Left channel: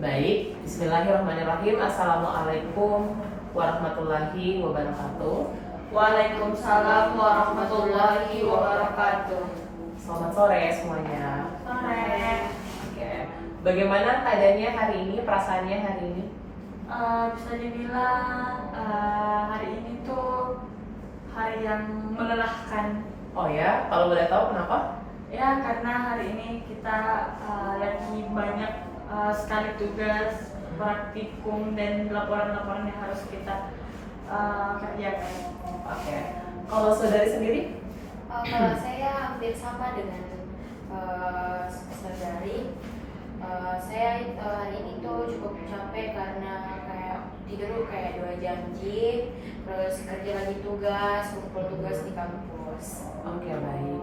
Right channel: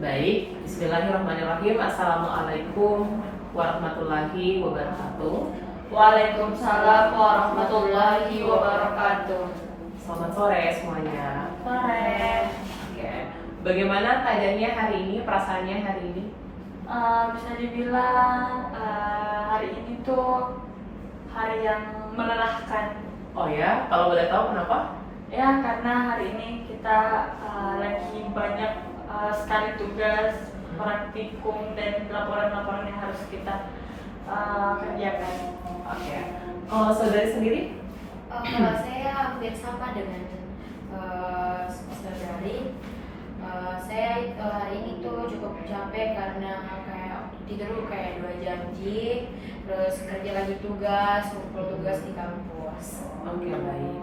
Baik, Bismillahirrahmanirrahim. Assalamualaikum warahmatullahi wabarakatuh. Waalaikumsalam warahmatullahi wabarakatuh. Selamat sore semuanya. Sore. Oke, bagaimana keadaannya hari ini, perasaannya hari ini? Bisa dibilang hari ini tuh hari yang melelahkan. Oh ya, kalau boleh tahu kenapa? Ya, karena hari ini kita lagi banyak sekali tugas, praktikum, dan laporan-laporan yang harus kita kerjakan. Oke, kalau saudari sendiri? Kalau saya hampir sama dengan saudari. Saya hari ini tuh cukup capek karena kayak tidur kayak 2 jam, terus kerja lagi tugas, ngumpul tugas di kampus. Oke, baik.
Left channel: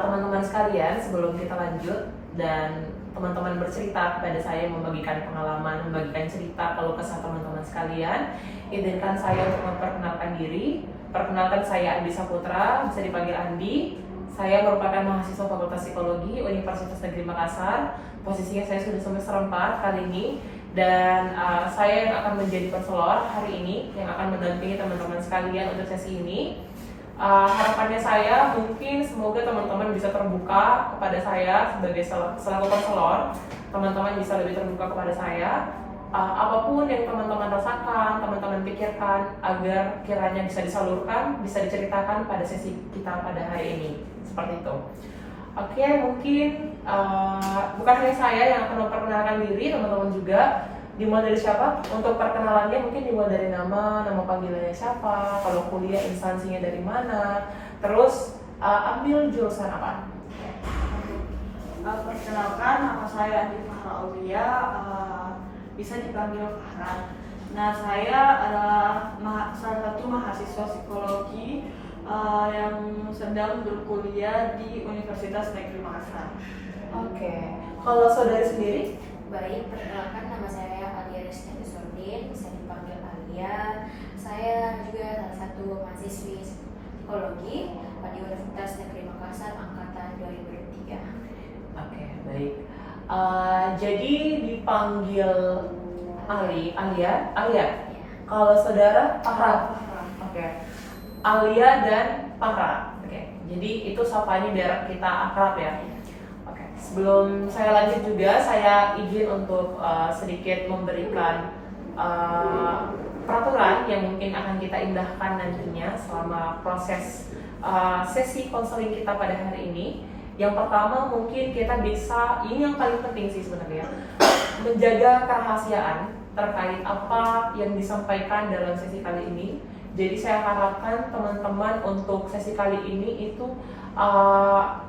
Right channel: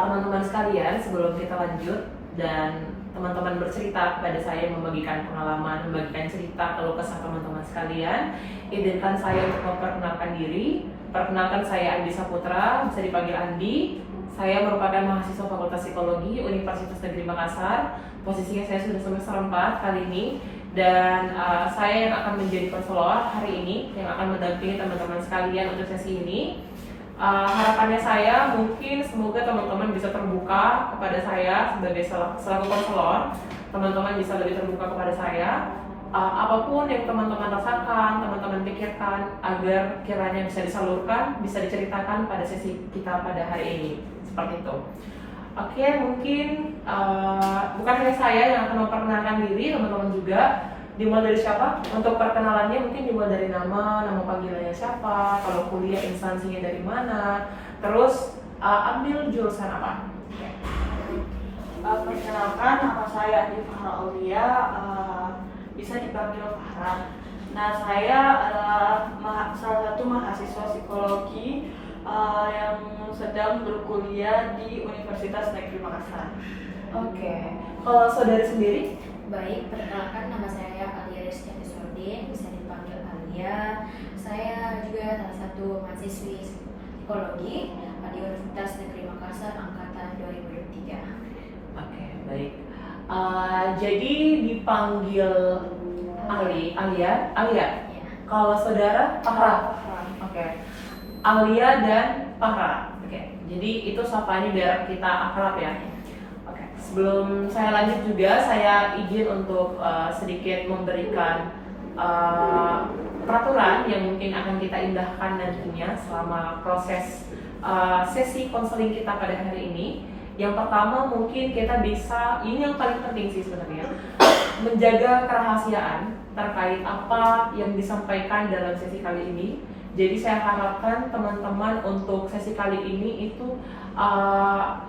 Teman-teman sekalian, sebelum kita lanjut dan teman-teman bercerita kepada saya, membagikan pengalaman, membagikan cerita keluh kesah teman-teman sekalian, izinkan saya untuk memperkenalkan diri. Perkenalkan, saya Andi Saputra, bisa dipanggil Andi. Saya merupakan mahasiswa Fakultas Psikologi Universitas Negeri Makassar. Posisinya saya sudah semester 4 kali ini, dan saya yang akan menjadi konselor hari ini yang akan mendampingi teman-teman sekalian untuk sesi ini. Harapannya saya mungkin semoga teman-teman bisa terbuka kepada saya sebagai selaku konselor. Teman-teman bisa lebih terbuka kepada saya, apapun yang teman-teman rasakan, teman-teman pikirkan, agar kiranya bisa disalurkan, bisa diceritakan pada sesi kita pada hari ini. Seperti itu. Oke, mungkin bukan hanya saya yang akan memperkenalkan diri, teman-teman juga. Dimulai dari siapa? Untuk perkenalannya mungkin dimulai dari nama panggilannya siapa, kalau kuliah instansinya dari mana, terus ambil jurusan apa? Perkenalkan, nama saya Andi Fahra Aulia, bisa dipanggil Farhan. Nah, saya adalah salah satu mahasiswa psikologi yang sedang berkuliah di Universitas Negeri Makassar. Oke, kalau saudari sendiri? Baik, perkenalkan, nama saya Alia Rizky Sordin, bisa dipanggil Alia. Saya juga salah satu mahasiswi psikologi di Universitas Negeri Makassar angkatan 2003. Oke, baik. Jadi dipanggil Alia. Ya. Kalau saudara Fahra. Oke. Alia dan Fahra. Oke. Jadi itu sapanya biar kita akrab ya. Oke. Sebelum saya lanjut juga, saya izin untuk sedikit memberikan peraturan yang mungkin akan kita indahkan nantinya selama proses sesi konseling kita pada hari ini. Yang pertama mungkin kita bisa, ini yang paling penting sih sebenarnya, menjaga kerahasiaan terkait apa yang disampaikan dalam sesi kali ini. Jadi saya harapkan teman-teman untuk sesi kali ini itu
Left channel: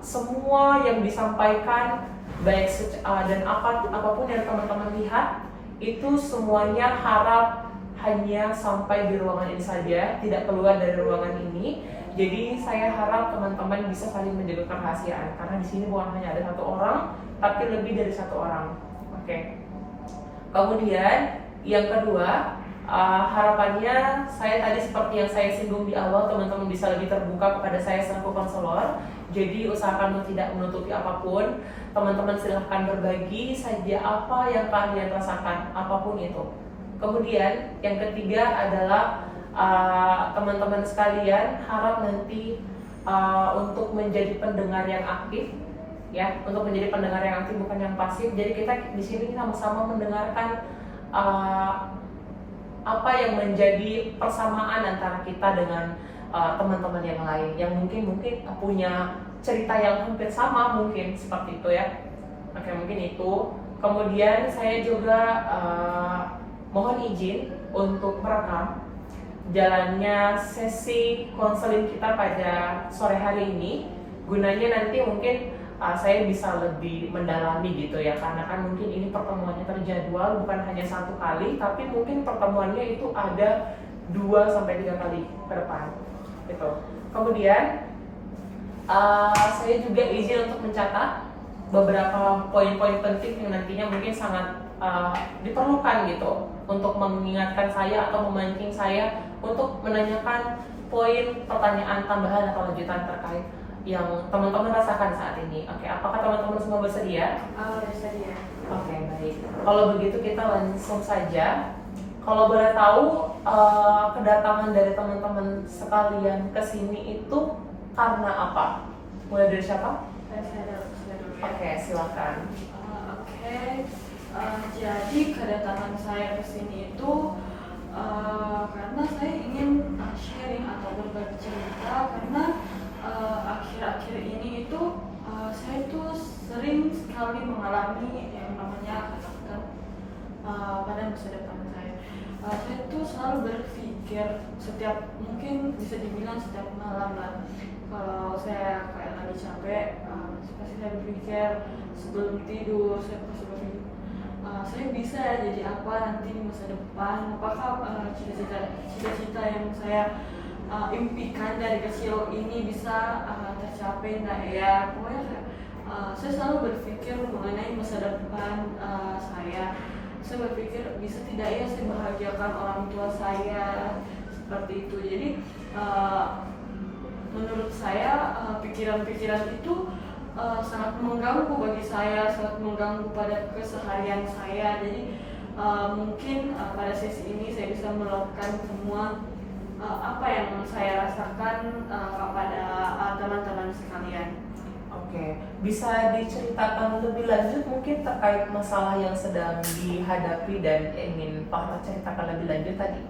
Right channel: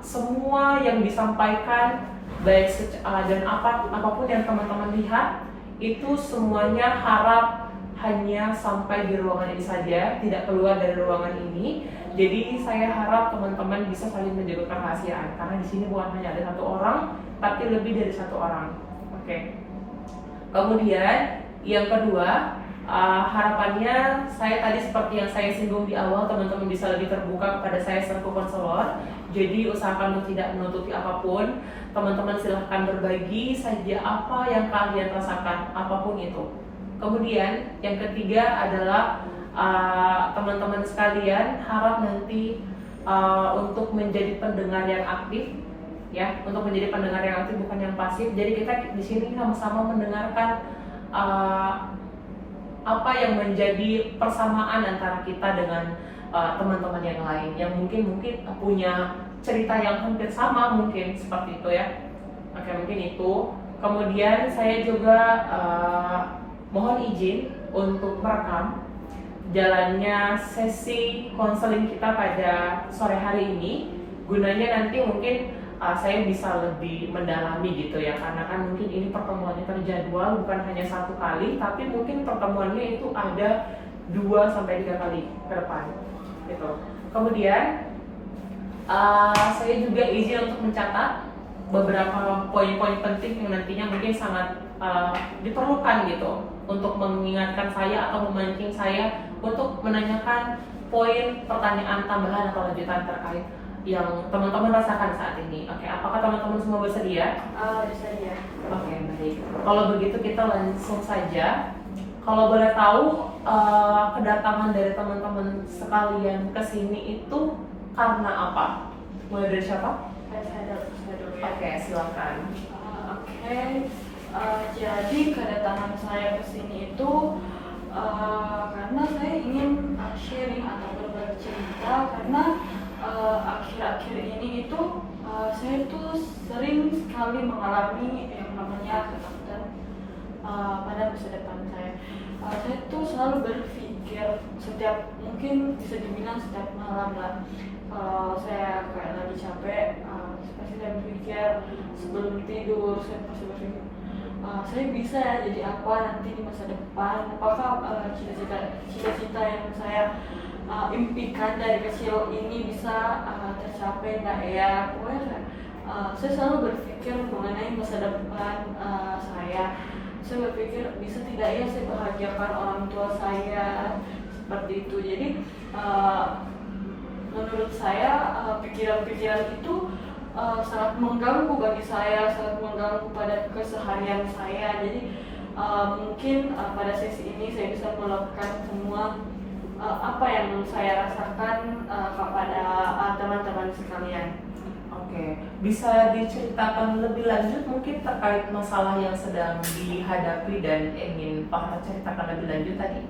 semua yang disampaikan baik dan apapun yang teman-teman lihat itu semuanya harap hanya sampai di ruangan ini saja, tidak keluar dari ruangan ini. Jadi saya harap teman-teman bisa saling menjaga kerahasiaan, karena di sini bukan hanya ada satu orang, tapi lebih dari satu orang. Oke. Kemudian yang kedua, harapannya saya tadi seperti yang saya singgung di awal, teman-teman bisa lebih terbuka kepada saya selaku konselor. Jadi usahakan untuk tidak menutupi apapun. Teman-teman silahkan berbagi saja apa yang kalian rasakan, apapun itu. Kemudian yang ketiga adalah teman-teman sekalian harap nanti untuk menjadi pendengar yang aktif, ya, untuk menjadi pendengar yang aktif bukan yang pasif. Jadi kita di sini sama-sama mendengarkan apa yang menjadi persamaan antara kita dengan teman-teman yang lain yang mungkin punya cerita yang hampir sama, mungkin seperti itu ya. Oke, mungkin itu. Kemudian saya juga mohon izin untuk merekam jalannya sesi konseling kita pada sore hari ini, gunanya nanti mungkin saya bisa lebih mendalami gitu ya, karena kan mungkin ini pertemuannya terjadwal bukan hanya satu kali, tapi mungkin pertemuannya itu ada 2-3 kali ke depan gitu. Kemudian saya juga izin untuk mencatat beberapa poin-poin penting yang nantinya mungkin sangat diperlukan gitu untuk mengingatkan saya atau memancing saya untuk menanyakan poin pertanyaan tambahan atau lanjutan terkait yang teman-teman rasakan saat ini. Oke, apakah teman-teman semua bersedia? Bisa ya. Oke, baik. Kalau begitu kita langsung saja. Kalau boleh tahu, kedatangan dari teman-teman sekalian ke sini itu karena apa? Mulai dari siapa? Saya dulu ya. Oke, silakan. Oke, jadi kedatangan saya ke sini itu karena saya ingin sharing atau berbagi cerita karena akhir-akhir ini itu saya itu sering sekali mengalami yang namanya ketakutan pada masa depan saya. Saya tuh selalu berpikir mungkin bisa dibilang setiap malam lah. Kalau saya kayak lagi capek, pasti saya berpikir sebelum tidur, saya pasti berpikir saya bisa jadi apa nanti di masa depan. Apakah cita-cita yang saya impikan dari kecil ini bisa tercapai nggak ya? Pokoknya saya selalu berpikir mengenai masa depan saya. Saya berpikir bisa tidak ya saya bahagiakan orang tua saya seperti itu. Jadi menurut saya pikiran-pikiran itu sangat mengganggu bagi saya, sangat mengganggu pada keseharian saya. Jadi mungkin pada sesi ini saya bisa melakukan semua apa yang saya rasakan kepada teman-teman sekalian. Oke, bisa diceritakan lebih lanjut mungkin terkait masalah yang sedang dihadapi dan ingin Pak Harap ceritakan lebih lanjut tadi?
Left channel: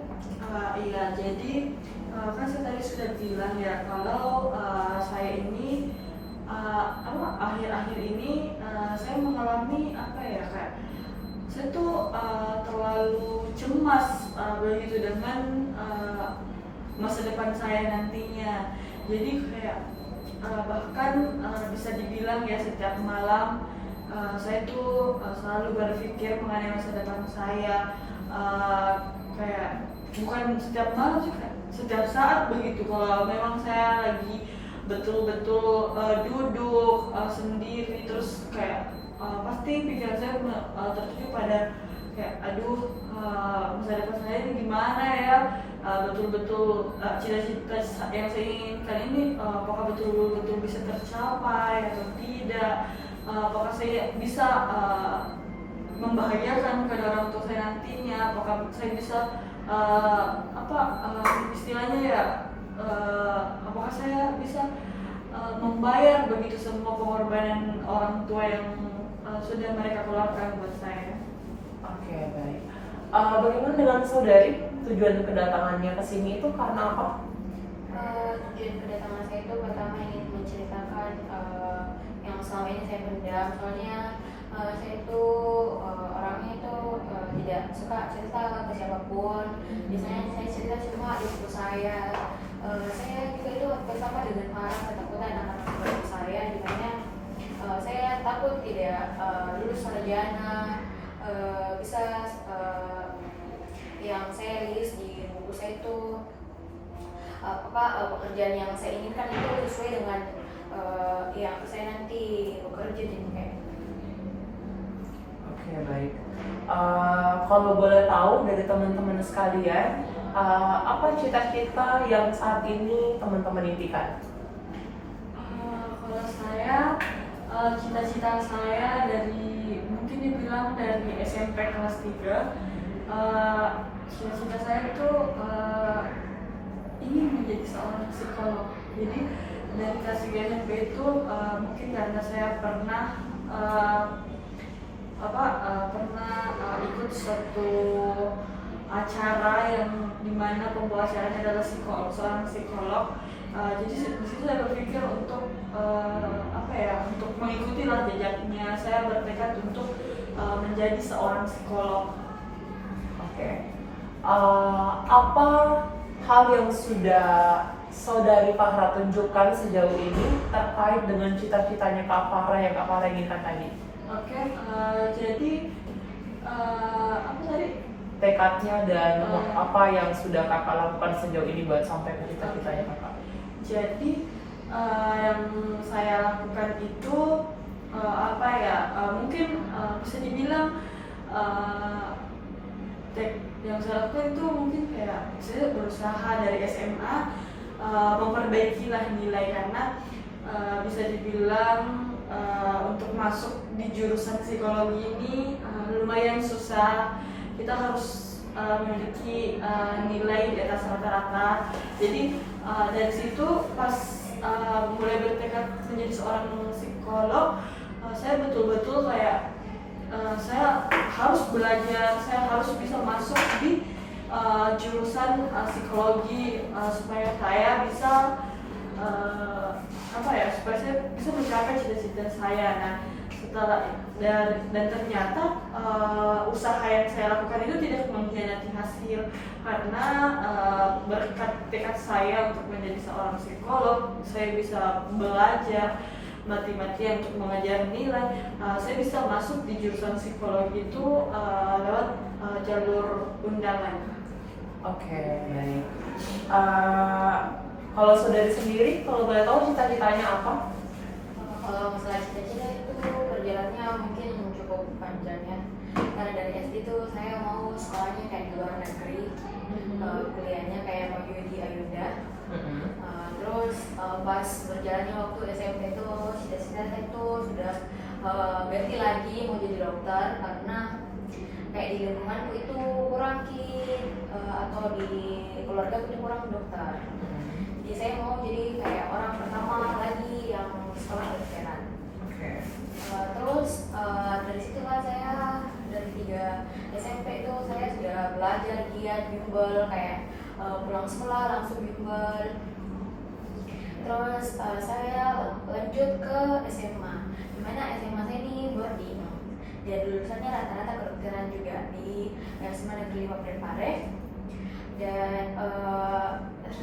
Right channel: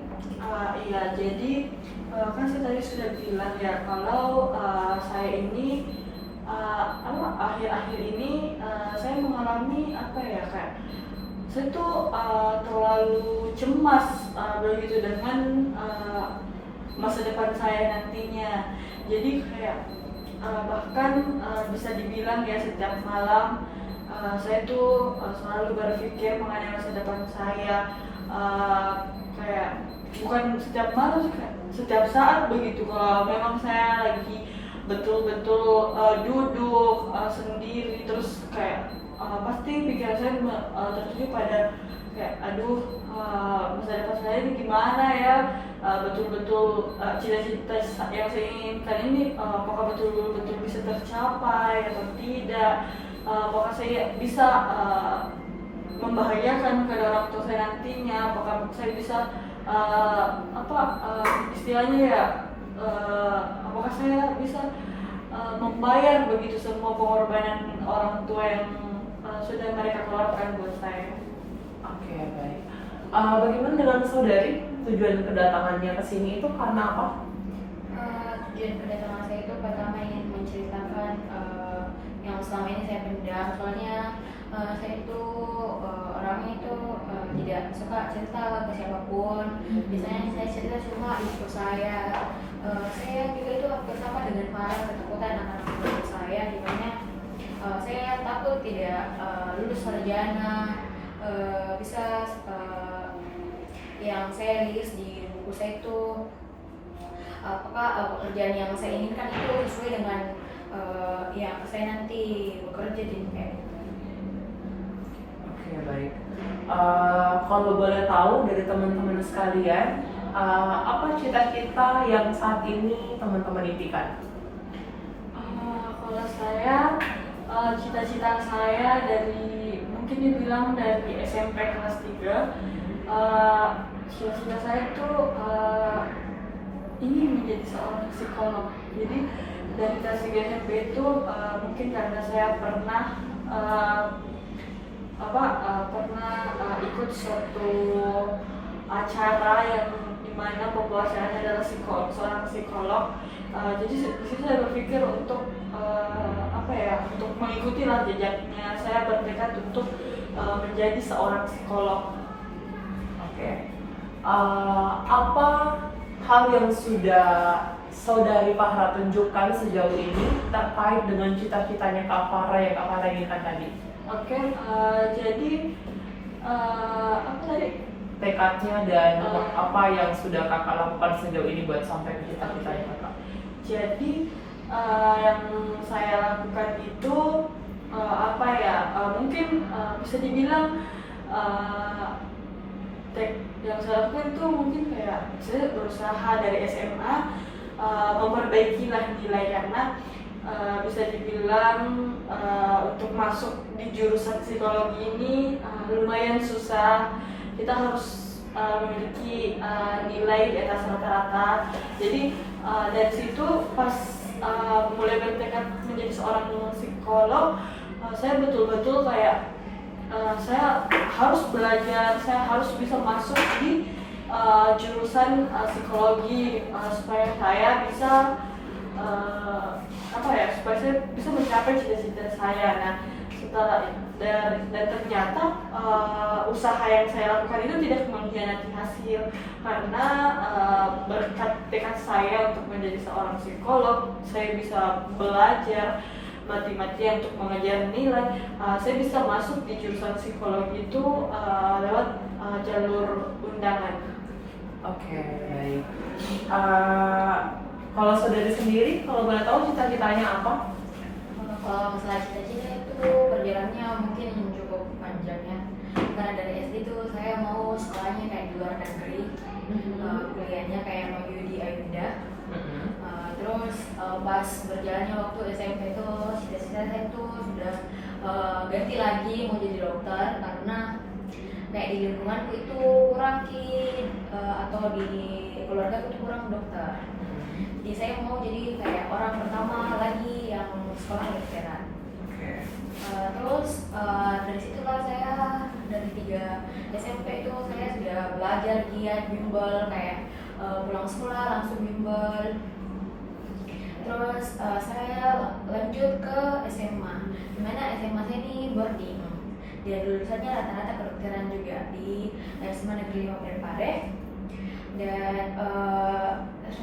Iya, jadi kan saya tadi sudah bilang ya kalau saya ini akhir-akhir ini saya mengalami kayak saya tuh terlalu cemas begitu dengan masa depan saya nantinya. Jadi kayak bahkan bisa dibilang ya setiap malam saya tuh selalu berpikir mengenai masa depan saya, kayak bukan setiap malam sih, setiap saat begitu. Kalau memang saya lagi betul-betul duduk sendiri terus kayak pasti pikiran saya tertuju pada kayak aduh masa depan saya ini gimana ya, betul-betul cita-cita yang saya inginkan ini apakah betul-betul bisa tercapai atau tidak, apakah saya bisa membahagiakan kedua orang tua saya nantinya, apakah saya bisa istilahnya ya apakah saya bisa membayar begitu semua pengorbanan orang tua yang sudah mereka keluarkan buat saya. Oke, baik. Bagaimana dengan saudari? Tujuan kedatangannya ke sini itu karena apa? Tujuan kedatangan saya itu pertama ingin menceritakan yang selama ini saya pendam. Soalnya saya itu orangnya itu tidak suka cerita ke siapapun. Biasanya saya cerita cuma ibu saya. Saya juga itu bersama dengan para ketakutan anak-anak saya, dimana saya takut tidak lulus sarjana, bisa yang saya list di buku saya itu apakah pekerjaan yang saya inginkan itu sesuai dengan yang saya nanti bekerja di kayak. Oke, baik. Kalau boleh tahu dari teman-teman sekalian, apa cita-cita yang saat ini teman-teman impikan? Kalau saya cita-cita saya dari mungkin dibilang dari SMP kelas 3, cita-cita saya itu ingin menjadi seorang psikolog. Jadi dari kelas 3 SMP itu mungkin karena saya pernah ikut suatu acara yang dimana pembawa acaranya adalah seorang psikolog. Jadi disitu saya berpikir untuk untuk mengikuti jejaknya. Saya bertekad untuk menjadi seorang psikolog. Oke. Apa hal yang sudah saudari Fahra tunjukkan sejauh ini terkait dengan cita-citanya Kak Farah yang Kak Farah inginkan tadi? Oke, jadi apa tadi? Tekadnya dan apa yang sudah Kakak lakukan sejauh ini buat sampai ke cita-citanya Kakak? Jadi yang saya lakukan itu mungkin bisa dibilang yang saya lakukan itu mungkin kayak saya berusaha dari SMA memperbaikilah nilai, karena bisa dibilang untuk masuk di jurusan psikologi ini lumayan susah. Kita harus memiliki nilai di atas rata-rata. Jadi dari situ pas mulai bertekad menjadi seorang psikolog, saya betul-betul kayak saya harus belajar, saya harus bisa masuk di jurusan psikologi supaya saya bisa supaya saya bisa mencapai cita-cita saya. Nah, setelah dan ternyata usaha yang saya lakukan itu tidak mengkhianati hasil, karena berkat tekad saya untuk menjadi seorang psikolog, saya bisa belajar mati-matian untuk mengajar nilai. Saya bisa masuk di jurusan psikologi itu lewat jalur undangan. Oke, baik. Kalau saudari sendiri, kalau boleh tahu cita-citanya apa? Kalau masalah cita-cita itu perjalanannya mungkin cukup panjang ya. Karena dari SD itu saya mau sekolahnya kayak di luar negeri, kuliahnya kayak mau di Ayunda. Terus pas berjalannya waktu SMP itu cita-cita saya itu sudah ganti lagi mau jadi dokter, karena kayak di lingkunganku itu kurang atau di keluarga itu kurang dokter. Jadi saya mau jadi kayak orang pertama lagi yang sekolah kedokteran. Terus dari situlah saya dari 3 SMP itu saya sudah belajar giat bimbel, kayak pulang sekolah langsung bimbel. Terus saya lanjut ke SMA, dimana SMA saya ini boarding. Dan lulusannya rata-rata kedokteran juga di SMA Negeri 5 Parepare. Dan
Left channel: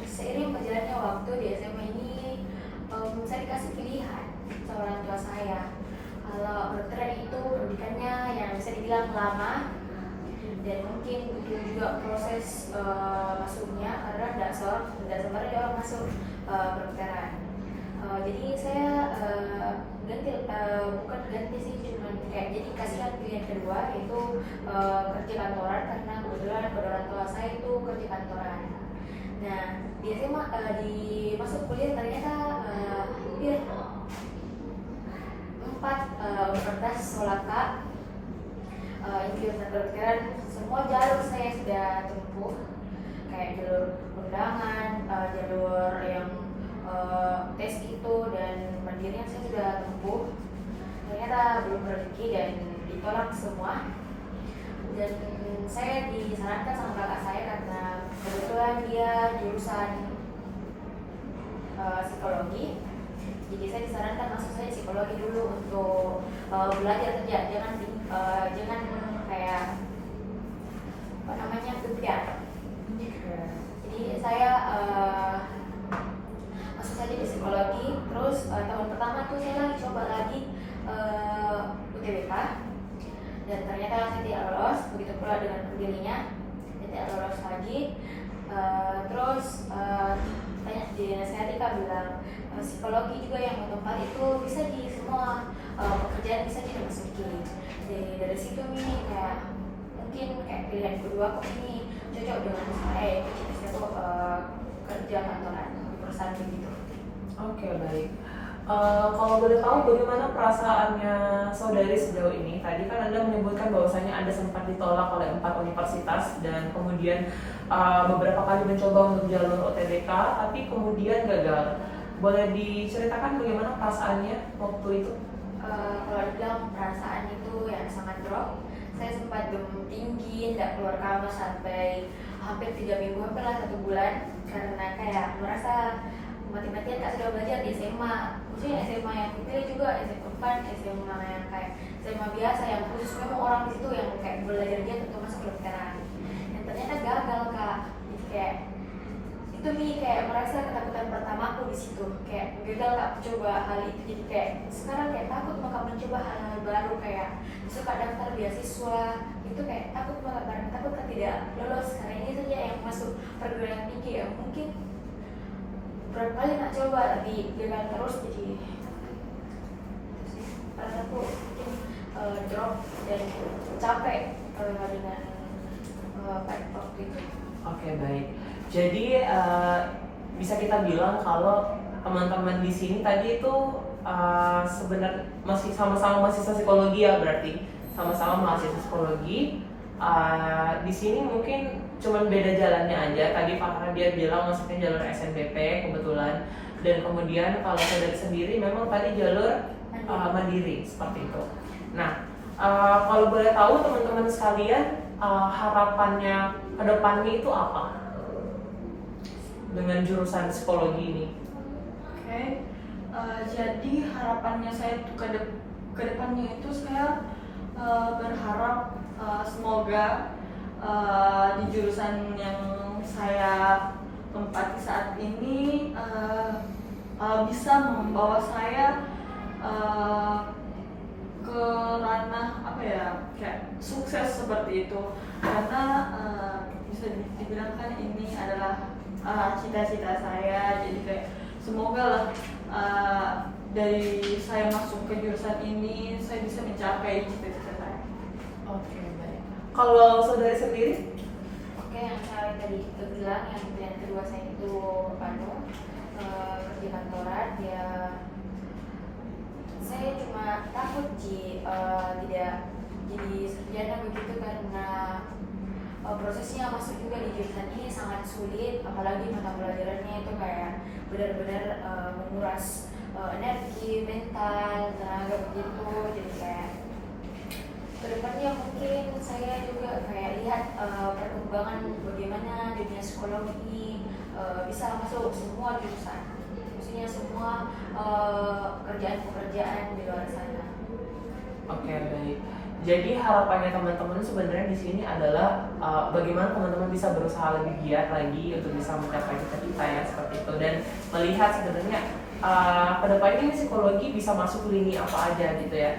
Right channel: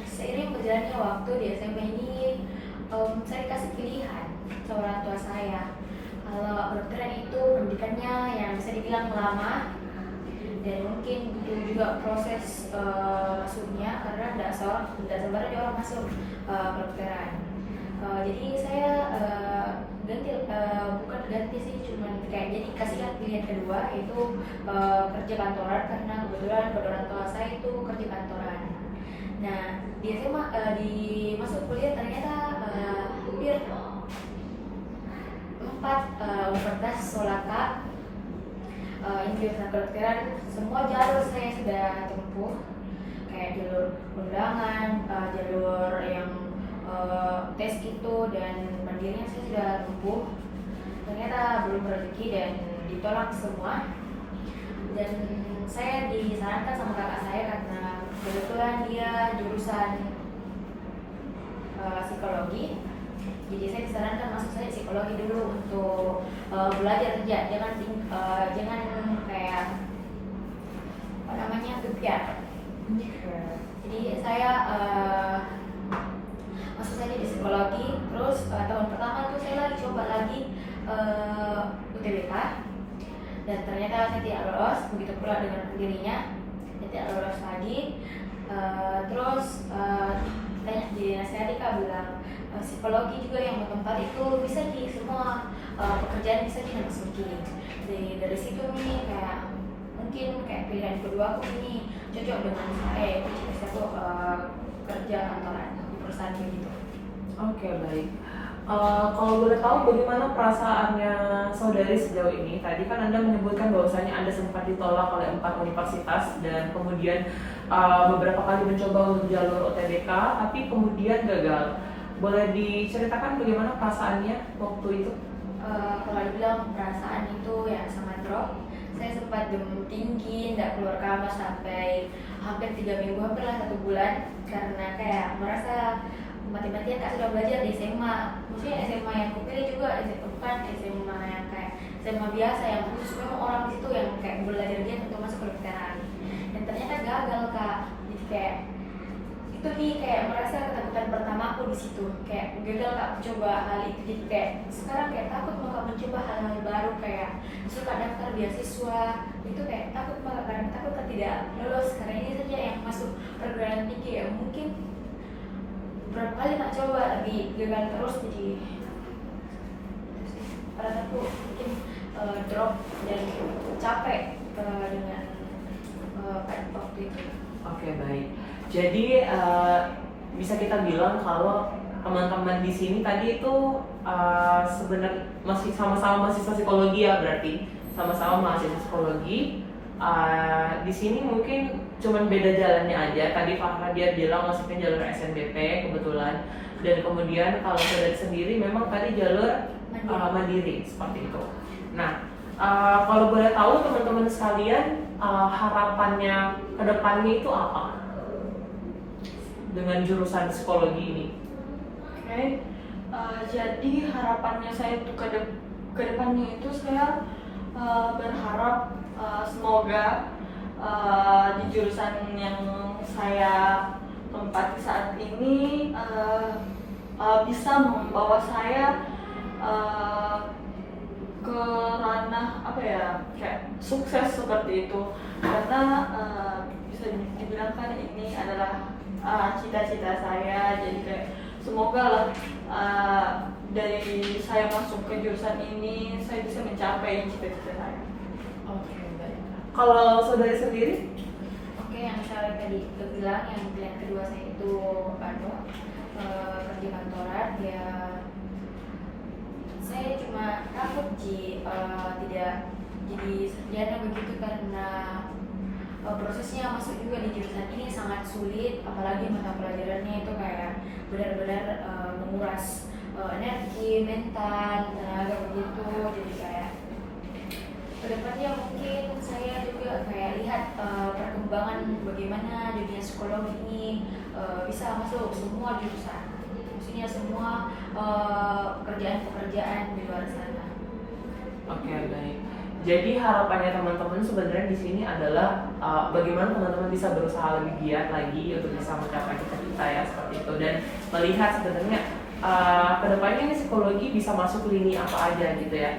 seiring berjalannya waktu di SMA ini saya dikasih pilihan sama orang tua saya. Kalau kedokteran itu pendidikannya yang bisa dibilang lama, dan mungkin butuh juga proses masuknya, karena tidak sembarang orang masuk kedokteran. Jadi saya bukan ganti sih, cuma kayak jadi kasihkan pilihan kedua itu kerja kantoran, karena kebetulan orang tua saya itu kerja kantoran. Nah, di SMA di masuk kuliah ternyata hampir 4 universitas Solaka, jurusan kedokteran, semua jalur saya sudah tempuh, kayak jalur undangan, jalur yang tes itu dan mandirinya saya sudah tempuh. Ternyata belum rezeki dan ditolak semua. Dan saya disarankan sama kakak saya karena kebetulan dia jurusan psikologi. Jadi saya disarankan masuk saya psikologi dulu untuk belajar kerja, jangan kayak kebiar. Jadi saya masuk saja di psikologi. Terus tahun pertama itu saya lagi coba lagi UTBK, dan ternyata saya tidak lolos. Begitu pula dengan pendirinya, saya tidak lolos lagi. Terus tanya di Nasihati bilang psikologi juga yang tempat itu bisa di semua pekerjaan bisa dimasuki. Jadi dari situ nih kayak mungkin kayak pilihan kedua aku ini cocok dengan saya, bisa kok kerja kantoran di perusahaan gitu. Oke, baik. Kalau boleh tahu bagaimana perasaannya saudari sejauh ini? Tadi kan Anda menyebutkan bahwasanya Anda sempat ditolak oleh 4 universitas dan kemudian beberapa kali mencoba untuk jalur UTBK, tapi kemudian gagal. Boleh diceritakan bagaimana perasaannya waktu itu? Kalau dibilang perasaan itu ya sangat drop. Saya sempat demam tinggi, tidak keluar kamar sampai hampir 3 minggu, hampirlah 1 bulan, karena kayak merasa mati-matian kan sudah belajar di SMA. Maksudnya SMA yang kupilih juga SMA bukan SMA yang kayak SMA biasa yang khusus memang orang di situ yang kayak belajar dia untuk masuk ke kedokteran. Dan ternyata gagal kak. Jadi kayak itu nih kayak merasa ketakutan pertamaku di situ, kayak gagal kak coba hal itu. Jadi kayak sekarang kayak takut mau mencoba hal-hal baru, kayak suka daftar beasiswa itu kayak takut banget karena takut tidak lolos, karena ini saja yang masuk perguruan tinggi ya mungkin berapa kali tak coba tapi gagal terus. Jadi perasaanku mungkin drop dan capek dengan waktu itu. Oke, baik. Jadi bisa kita bilang kalau teman-teman di sini tadi itu sebenarnya masih sama-sama mahasiswa psikologi ya, berarti sama-sama mahasiswa psikologi. Di sini mungkin cuman beda jalannya aja. Tadi Farhan dia bilang masuknya jalur SNBP kebetulan, dan kemudian kalau saudari sendiri memang tadi jalur mandiri seperti itu. Nah, kalau boleh tahu teman-teman sekalian, harapannya ke depannya itu apa dengan jurusan psikologi ini? Oke, jadi harapannya saya itu ke depannya itu saya berharap semoga di jurusan yang saya tempati saat ini bisa membawa saya ke ranah apa ya, kayak sukses seperti itu, karena bisa dibilang kan ini adalah cita-cita saya. Jadi kayak semoga lah dari saya masuk ke jurusan ini saya bisa mencapai cita-cita saya. Oke, baik. Kalau saudari sendiri? Oke, yang saya tadi bilang, yang pilihan kedua saya itu pada kerja kantoran ya. Saya cuma takut tidak jadi sarjana begitu, karena prosesnya masuk juga di jurusan ini sangat sulit, apalagi mata pelajarannya itu kayak benar-benar menguras energi, mental, tenaga begitu. Jadi kayak kedepannya mungkin saya juga kayak lihat perkembangan bagaimana dunia psikologi ini bisa masuk semua jurusan, maksudnya semua pekerjaan-pekerjaan di luar sana. Oke, baik. Jadi harapannya teman-teman sebenarnya di sini adalah bagaimana teman-teman bisa berusaha lebih giat lagi untuk bisa mencapai cita-cita ya, seperti itu, dan melihat sebenarnya kedepannya ini psikologi bisa masuk lini apa aja gitu ya.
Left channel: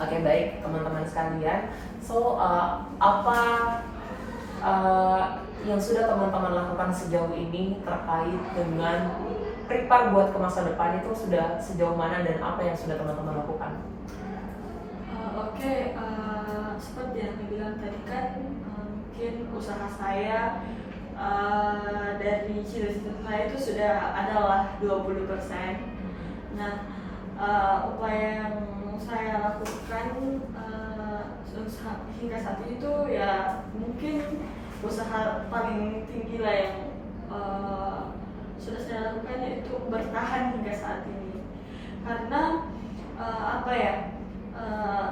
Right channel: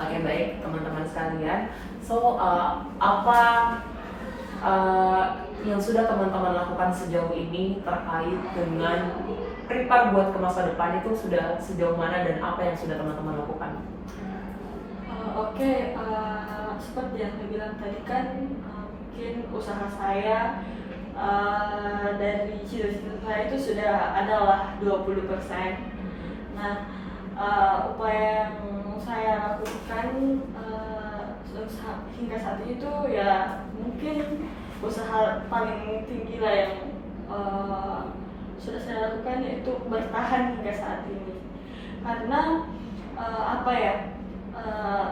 Oke, baik teman-teman sekalian. So apa yang sudah teman-teman lakukan sejauh ini terkait dengan prepare buat ke masa depan itu sudah sejauh mana, dan apa yang sudah teman-teman lakukan? Oke, seperti yang saya bilang tadi kan, mungkin usaha saya dari cita-cita saya itu sudah adalah 20%. Nah, upaya yang saya lakukan hingga saat itu ya mungkin usaha paling tinggi lah yang sudah saya lakukan, yaitu bertahan hingga saat ini. Karena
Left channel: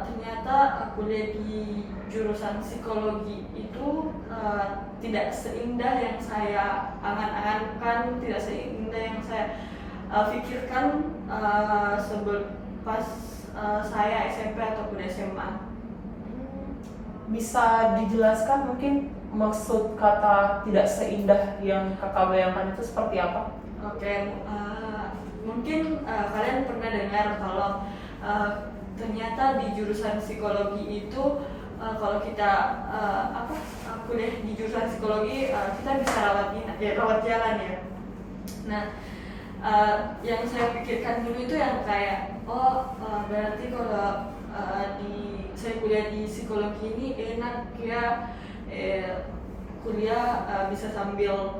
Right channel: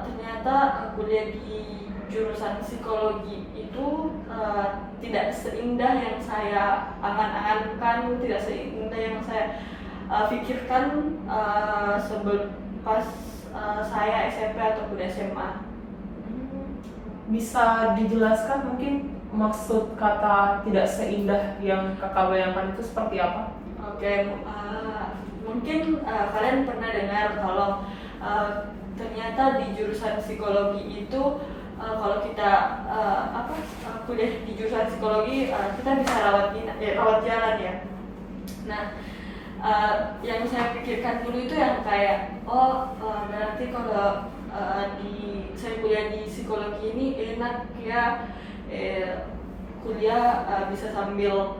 ternyata kuliah di jurusan psikologi itu tidak seindah yang saya angan-angankan, tidak seindah yang saya pikirkan pas saya SMP ataupun SMA. Bisa dijelaskan mungkin maksud kata tidak seindah yang kakak bayangkan itu seperti apa? Oke, mungkin kalian pernah dengar kalau ternyata di jurusan psikologi itu kalau kita kuliah di jurusan psikologi kita bisa rawat jalan ya. Nah, yang saya pikirkan dulu itu yang kayak berarti kalau saya kuliah di psikologi ini enak ya, kuliah bisa sambil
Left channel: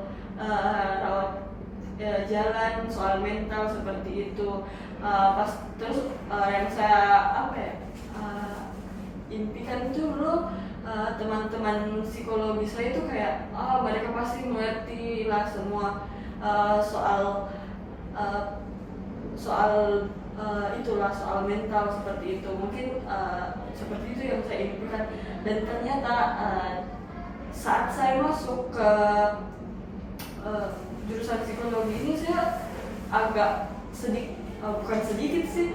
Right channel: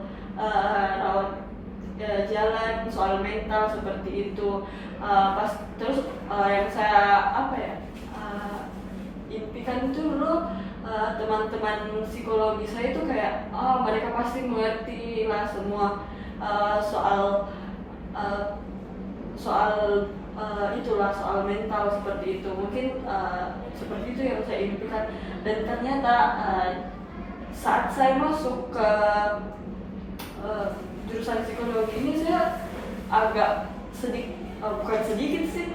rawat jalan soal mental seperti itu. Terus yang saya impikan itu dulu, teman-teman psikologi saya itu kayak mereka pasti mengerti lah semua soal itulah, soal mental seperti itu. Mungkin seperti itu yang saya impikan, dan ternyata saat saya masuk ke jurusan psikologi ini saya agak bukan sedikit sih,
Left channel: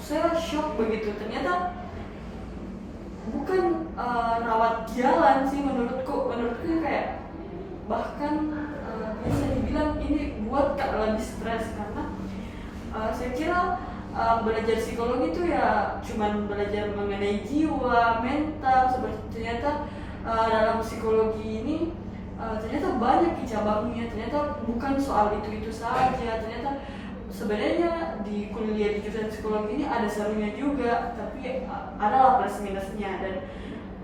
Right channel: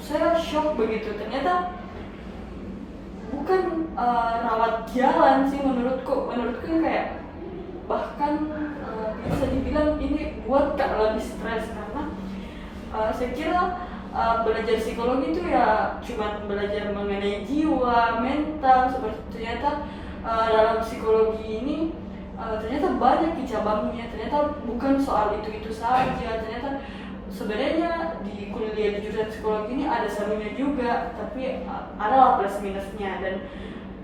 saya shock begitu. Ternyata bukan rawat jalan sih menurutku kayak bahkan bisa dibilang ini buat Kak lebih stres, karena saya kira belajar psikologi itu ya cuman belajar mengenai jiwa, mental, seperti ternyata dalam psikologi ini ternyata banyak cabangnya, ternyata bukan soal itu saja. Ternyata sebenarnya di kuliah di jurusan psikologi ini ada serunya juga, tapi adalah plus minusnya. Dan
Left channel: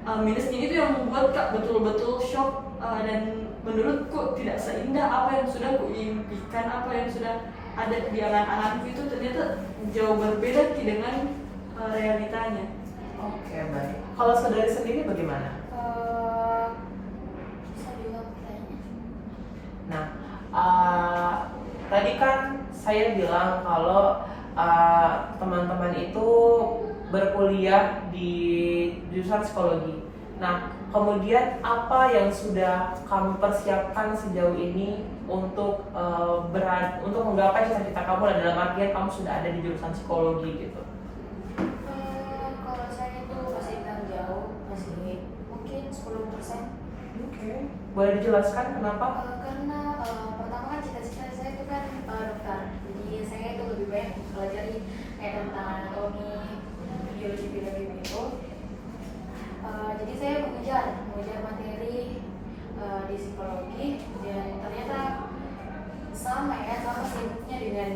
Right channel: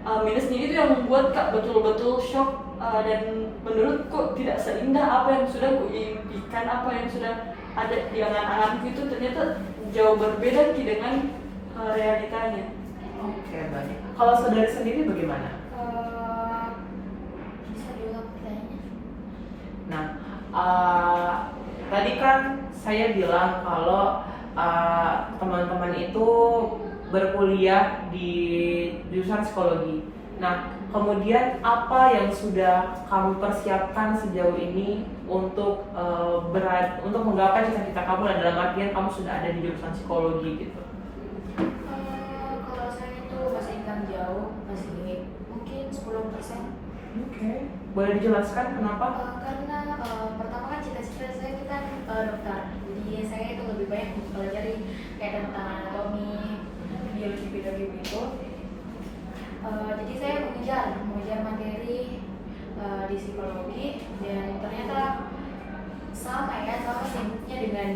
minusnya itu yang membuat kak betul-betul shock, dan menurutku tidak seindah apa yang sudah kuimpikan, apa yang sudah ada di angan-anganku itu ternyata jauh berbeda dengan realitanya. Oke, baik. Kalau saudari sendiri bagaimana? Bisa diulang pertanyaannya? Nah, tadi kan saya bilang kalau teman-teman itu berkuliah di jurusan psikologi. Nah, kemudian apa yang sudah kamu persiapkan sejauh ini untuk untuk menggapai cita-cita kamu, dan dalam artian kamu sudah ada di jurusan psikologi gitu? Kalau saya itu masih bilang jauh, masih mungkin 10%. Oke. Boleh dijelaskan kenapa? Karena pertama kan cita-cita saya itu kan dokter, jadi saya itu lebih banyak mempelajari kayak tentang anatomi, biologi begitu. Jadi saya mengejar materi di psikologi, dan ternyata sama sibuknya dengan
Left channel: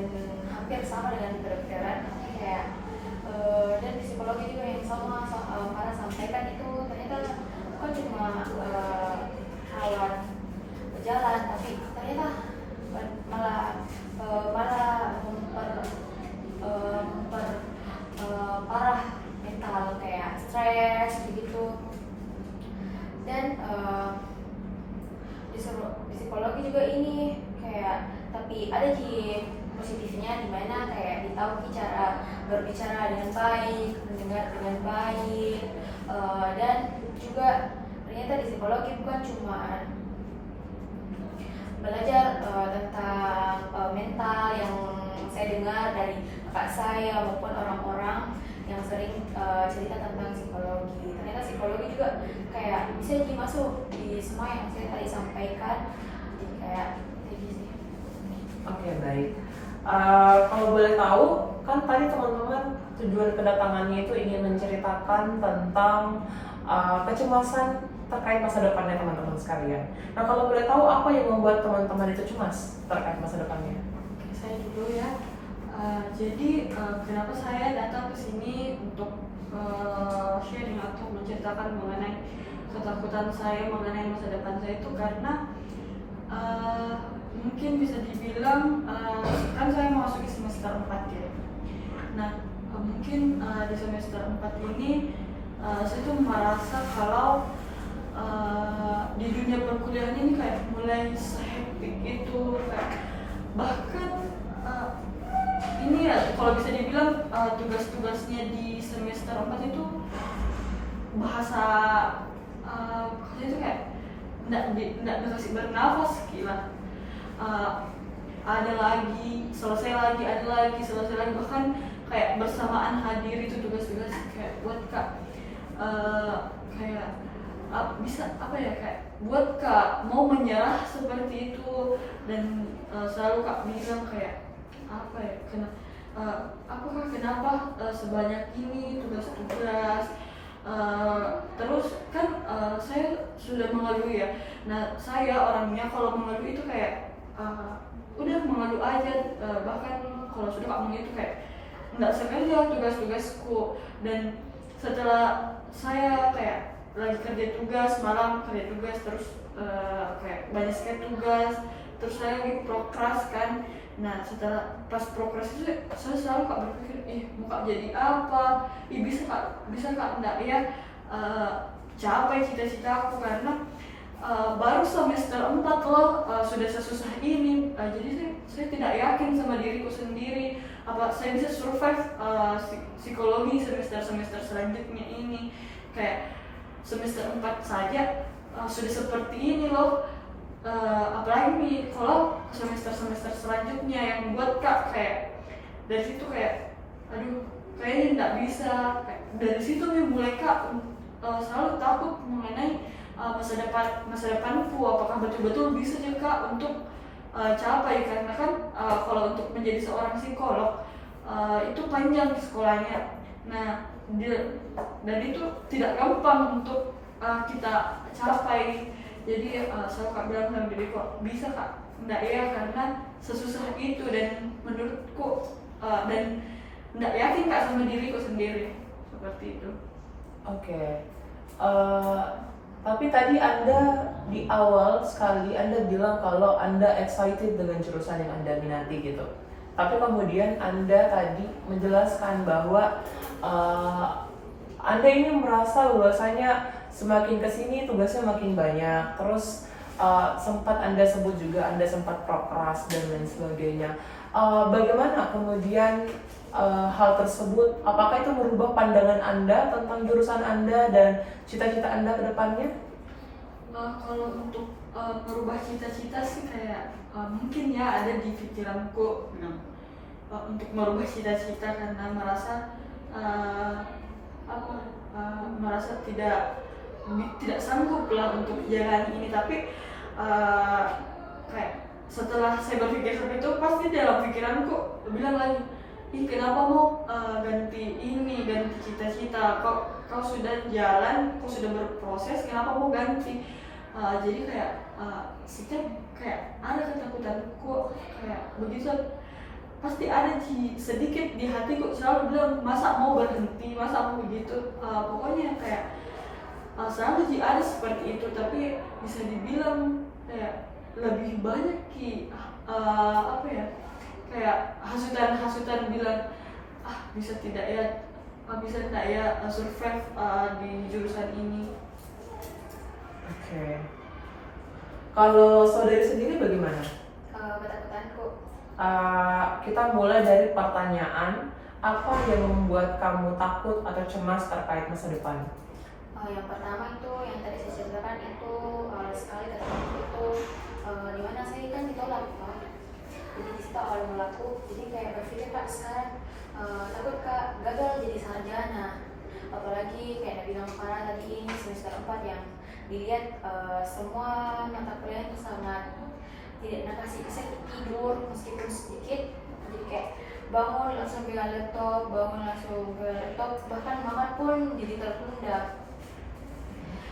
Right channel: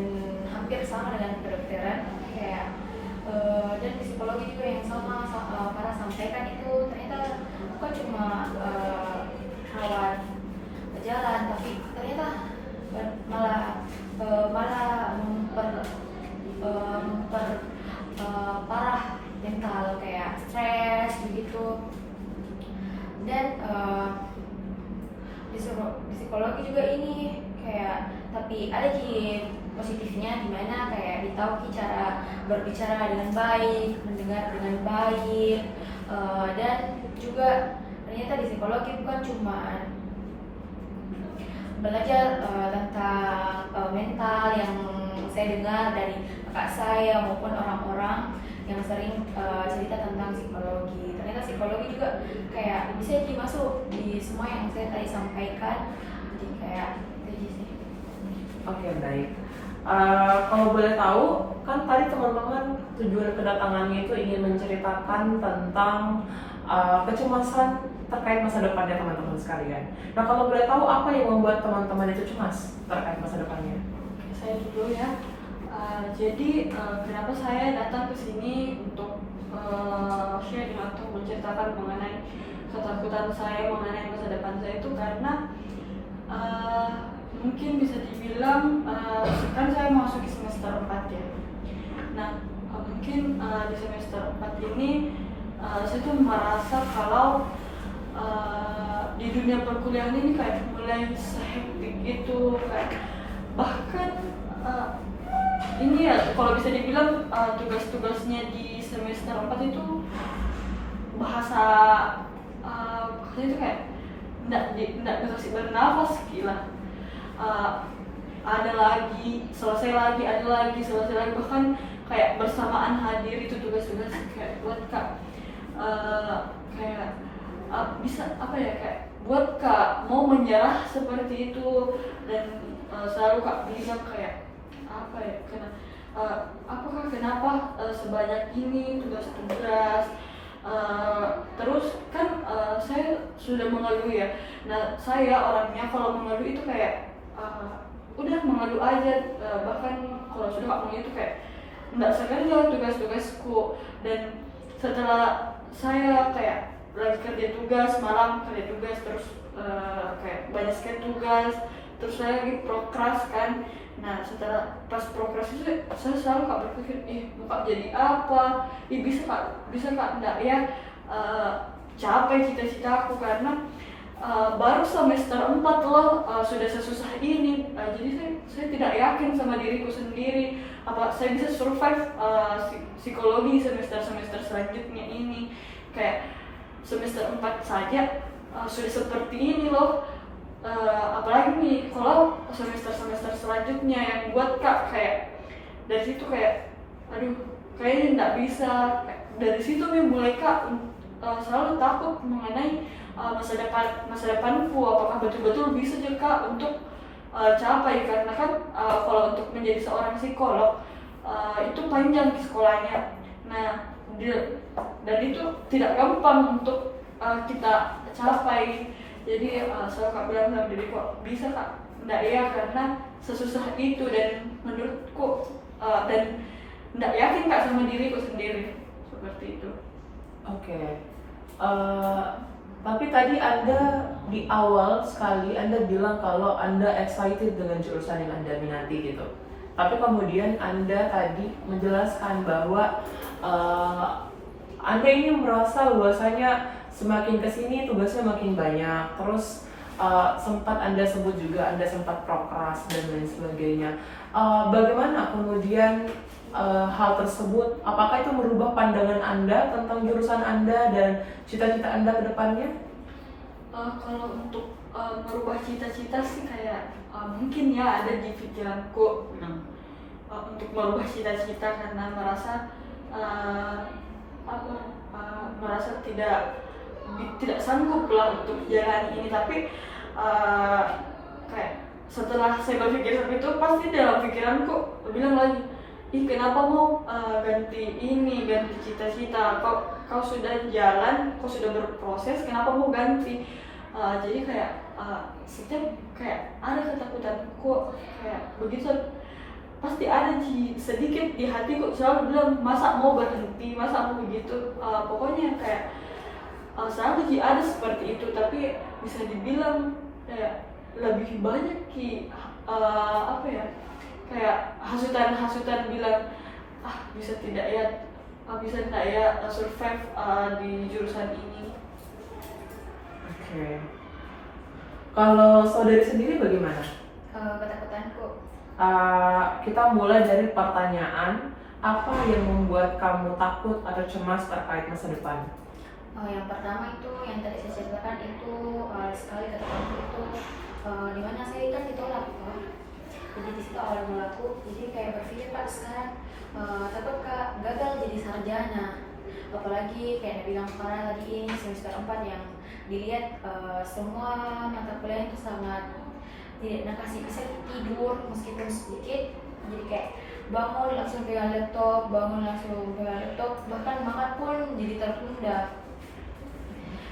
hampir sama dengan kedokteran kayak dan di psikologi juga yang sama Farah sampaikan itu ternyata bukan cuma rawat berjalan, tapi ternyata malah parah mental kayak stres begitu. Dan di psikologi juga ini kayak, tapi ada positifnya di mana kayak ditahu cara berbicara dengan baik, mendengar dengan baik, dan juga ternyata di psikologi bukan cuma belajar tentang mental yang saya dengar dari kakak saya maupun orang-orang yang sering cerita tentang psikologi. Ternyata psikologi juga kayak bisa dimasuk di semua yang saya tadi sampaikan. Jadi kayak jadi sih. Oke, baik. Kalau boleh tahu, kan tadi teman-teman tujuan kedatangannya itu ingin menceritakan tentang kecemasan terkait masa depannya teman-teman sekalian. Nah, kalau boleh tahu apa yang membuat teman-teman itu cemas terkait masa depannya? Oke, saya dulu ya. Jadi kenapa saya datang ke sini untuk sharing atau menceritakan mengenai ketakutan saya mengenai masa depan saya itu karena mungkin bisa dibilang kan saya masuk di semester 4 ya. Nah, mungkin di semester 4 ini saya tuh merasa kalau di dunia perkuliahan ini kayak mulai sehektik itu, kayak bahkan ini ya kalau bisa dibilang tugas-tugasnya di semester 4 itu bahasa katanya itu kayak nggak dikasih bernafas, gila. Ada lagi, selesai lagi, ada lagi, selesai lagi, bahkan kayak bersamaan hadir itu tugas-tugas kayak buat kak kayak bisa apa ya, kayak buat kak mau menyerah seperti itu. Dan selalu kak bilang kayak apa ya, apakah kenapa sebanyak ini tugas-tugas. Terus kan saya sudah mengeluh ya. Nah, saya orangnya kalau mengeluh itu kayak udah mengeluh aja, bahkan kalau sudah gak mengeluh itu kayak nggak sekedar tugas-tugasku. Dan setelah saya kayak lagi kerja tugas, malam kerja tugas, terus kayak banyak sekali tugas, terus saya lagi prokras kan. Nah, setelah pas prokras itu saya selalu kak berpikir, mau kak jadi apa? Bisa kak enggak ya capai cita-cita aku, karena baru semester 4 loh sudah sesusah ini. Jadi saya tidak yakin sama diriku sendiri apa saya bisa survive psikologi semester selanjutnya ini. Kayak semester 4 saja sudah seperti ini loh. Apalagi nih kalau semester selanjutnya yang buat kak kayak dari situ kayak aduh kayaknya nggak bisa. Dari situ mulai kak selalu takut mengenai masa depanku, apakah betul-betul bisa juga kak untuk capai, karena kan kalau untuk menjadi seorang psikolog itu panjang sekolahnya. Nah, dan itu tidak gampang untuk kita capai. Jadi saya kak bilang sama diri kok bisa kak, enggak ya, karena sesusah itu. Dan menurutku dan enggak yakin kak sama diriku sendiri seperti itu. Oke. Eh, tapi tadi Anda di awal sekali Anda bilang kalau Anda excited dengan jurusan yang Anda minati gitu. Tapi kemudian Anda tadi menjelaskan bahwa eh, Anda ini merasa bahwasanya semakin kesini tugasnya makin banyak. Terus sempat Anda sebut juga Anda sempat prokras dan lain sebagainya. Bagaimana kemudian hal tersebut, apakah itu merubah pandangan Anda tentang jurusan Anda dan cita-cita Anda ke depannya? Kalau untuk merubah cita-cita sih kayak mungkin ya ada di pikiranku untuk merubah cita-cita karena merasa merasa tidak sanggup lah untuk jalan ini, tapi kayak setelah saya berpikir seperti itu pasti dalam pikiranku bilang lagi, ih kenapa mau ganti cita-cita, kau sudah jalan, kau sudah berproses, kenapa mau ganti. Jadi kayak setiap kayak ada ketakutanku kayak begitu, pasti ada sedikit di hatiku selalu bilang masa mau berhenti, masa mau begitu. Pokoknya kayak selalu ada seperti itu, tapi bisa dibilang kayak lebih banyak kayak hasutan bilang bisa tidak ya survive di jurusan ini. Oke. Kalau saudari sendiri bagaimana? Ketakutanku. Kita mulai dari pertanyaan, apa yang membuat kamu takut atau cemas terkait masa depan? Yang pertama itu yang tadi saya ceritakan itu sekali katakanku itu dimana saya kan ditolak gitu. Jadi di situ awal mulaku, jadi kayak berpikir Pak sekarang takut Kak gagal jadi sarjana, apalagi kayak Nabi bilang Farah tadi ini semester 4 yang dilihat semua mata kuliah itu sangat tidak kasih bisa tidur meskipun sedikit, jadi kayak bangun langsung pegang laptop, bahkan makan pun jadi tertunda.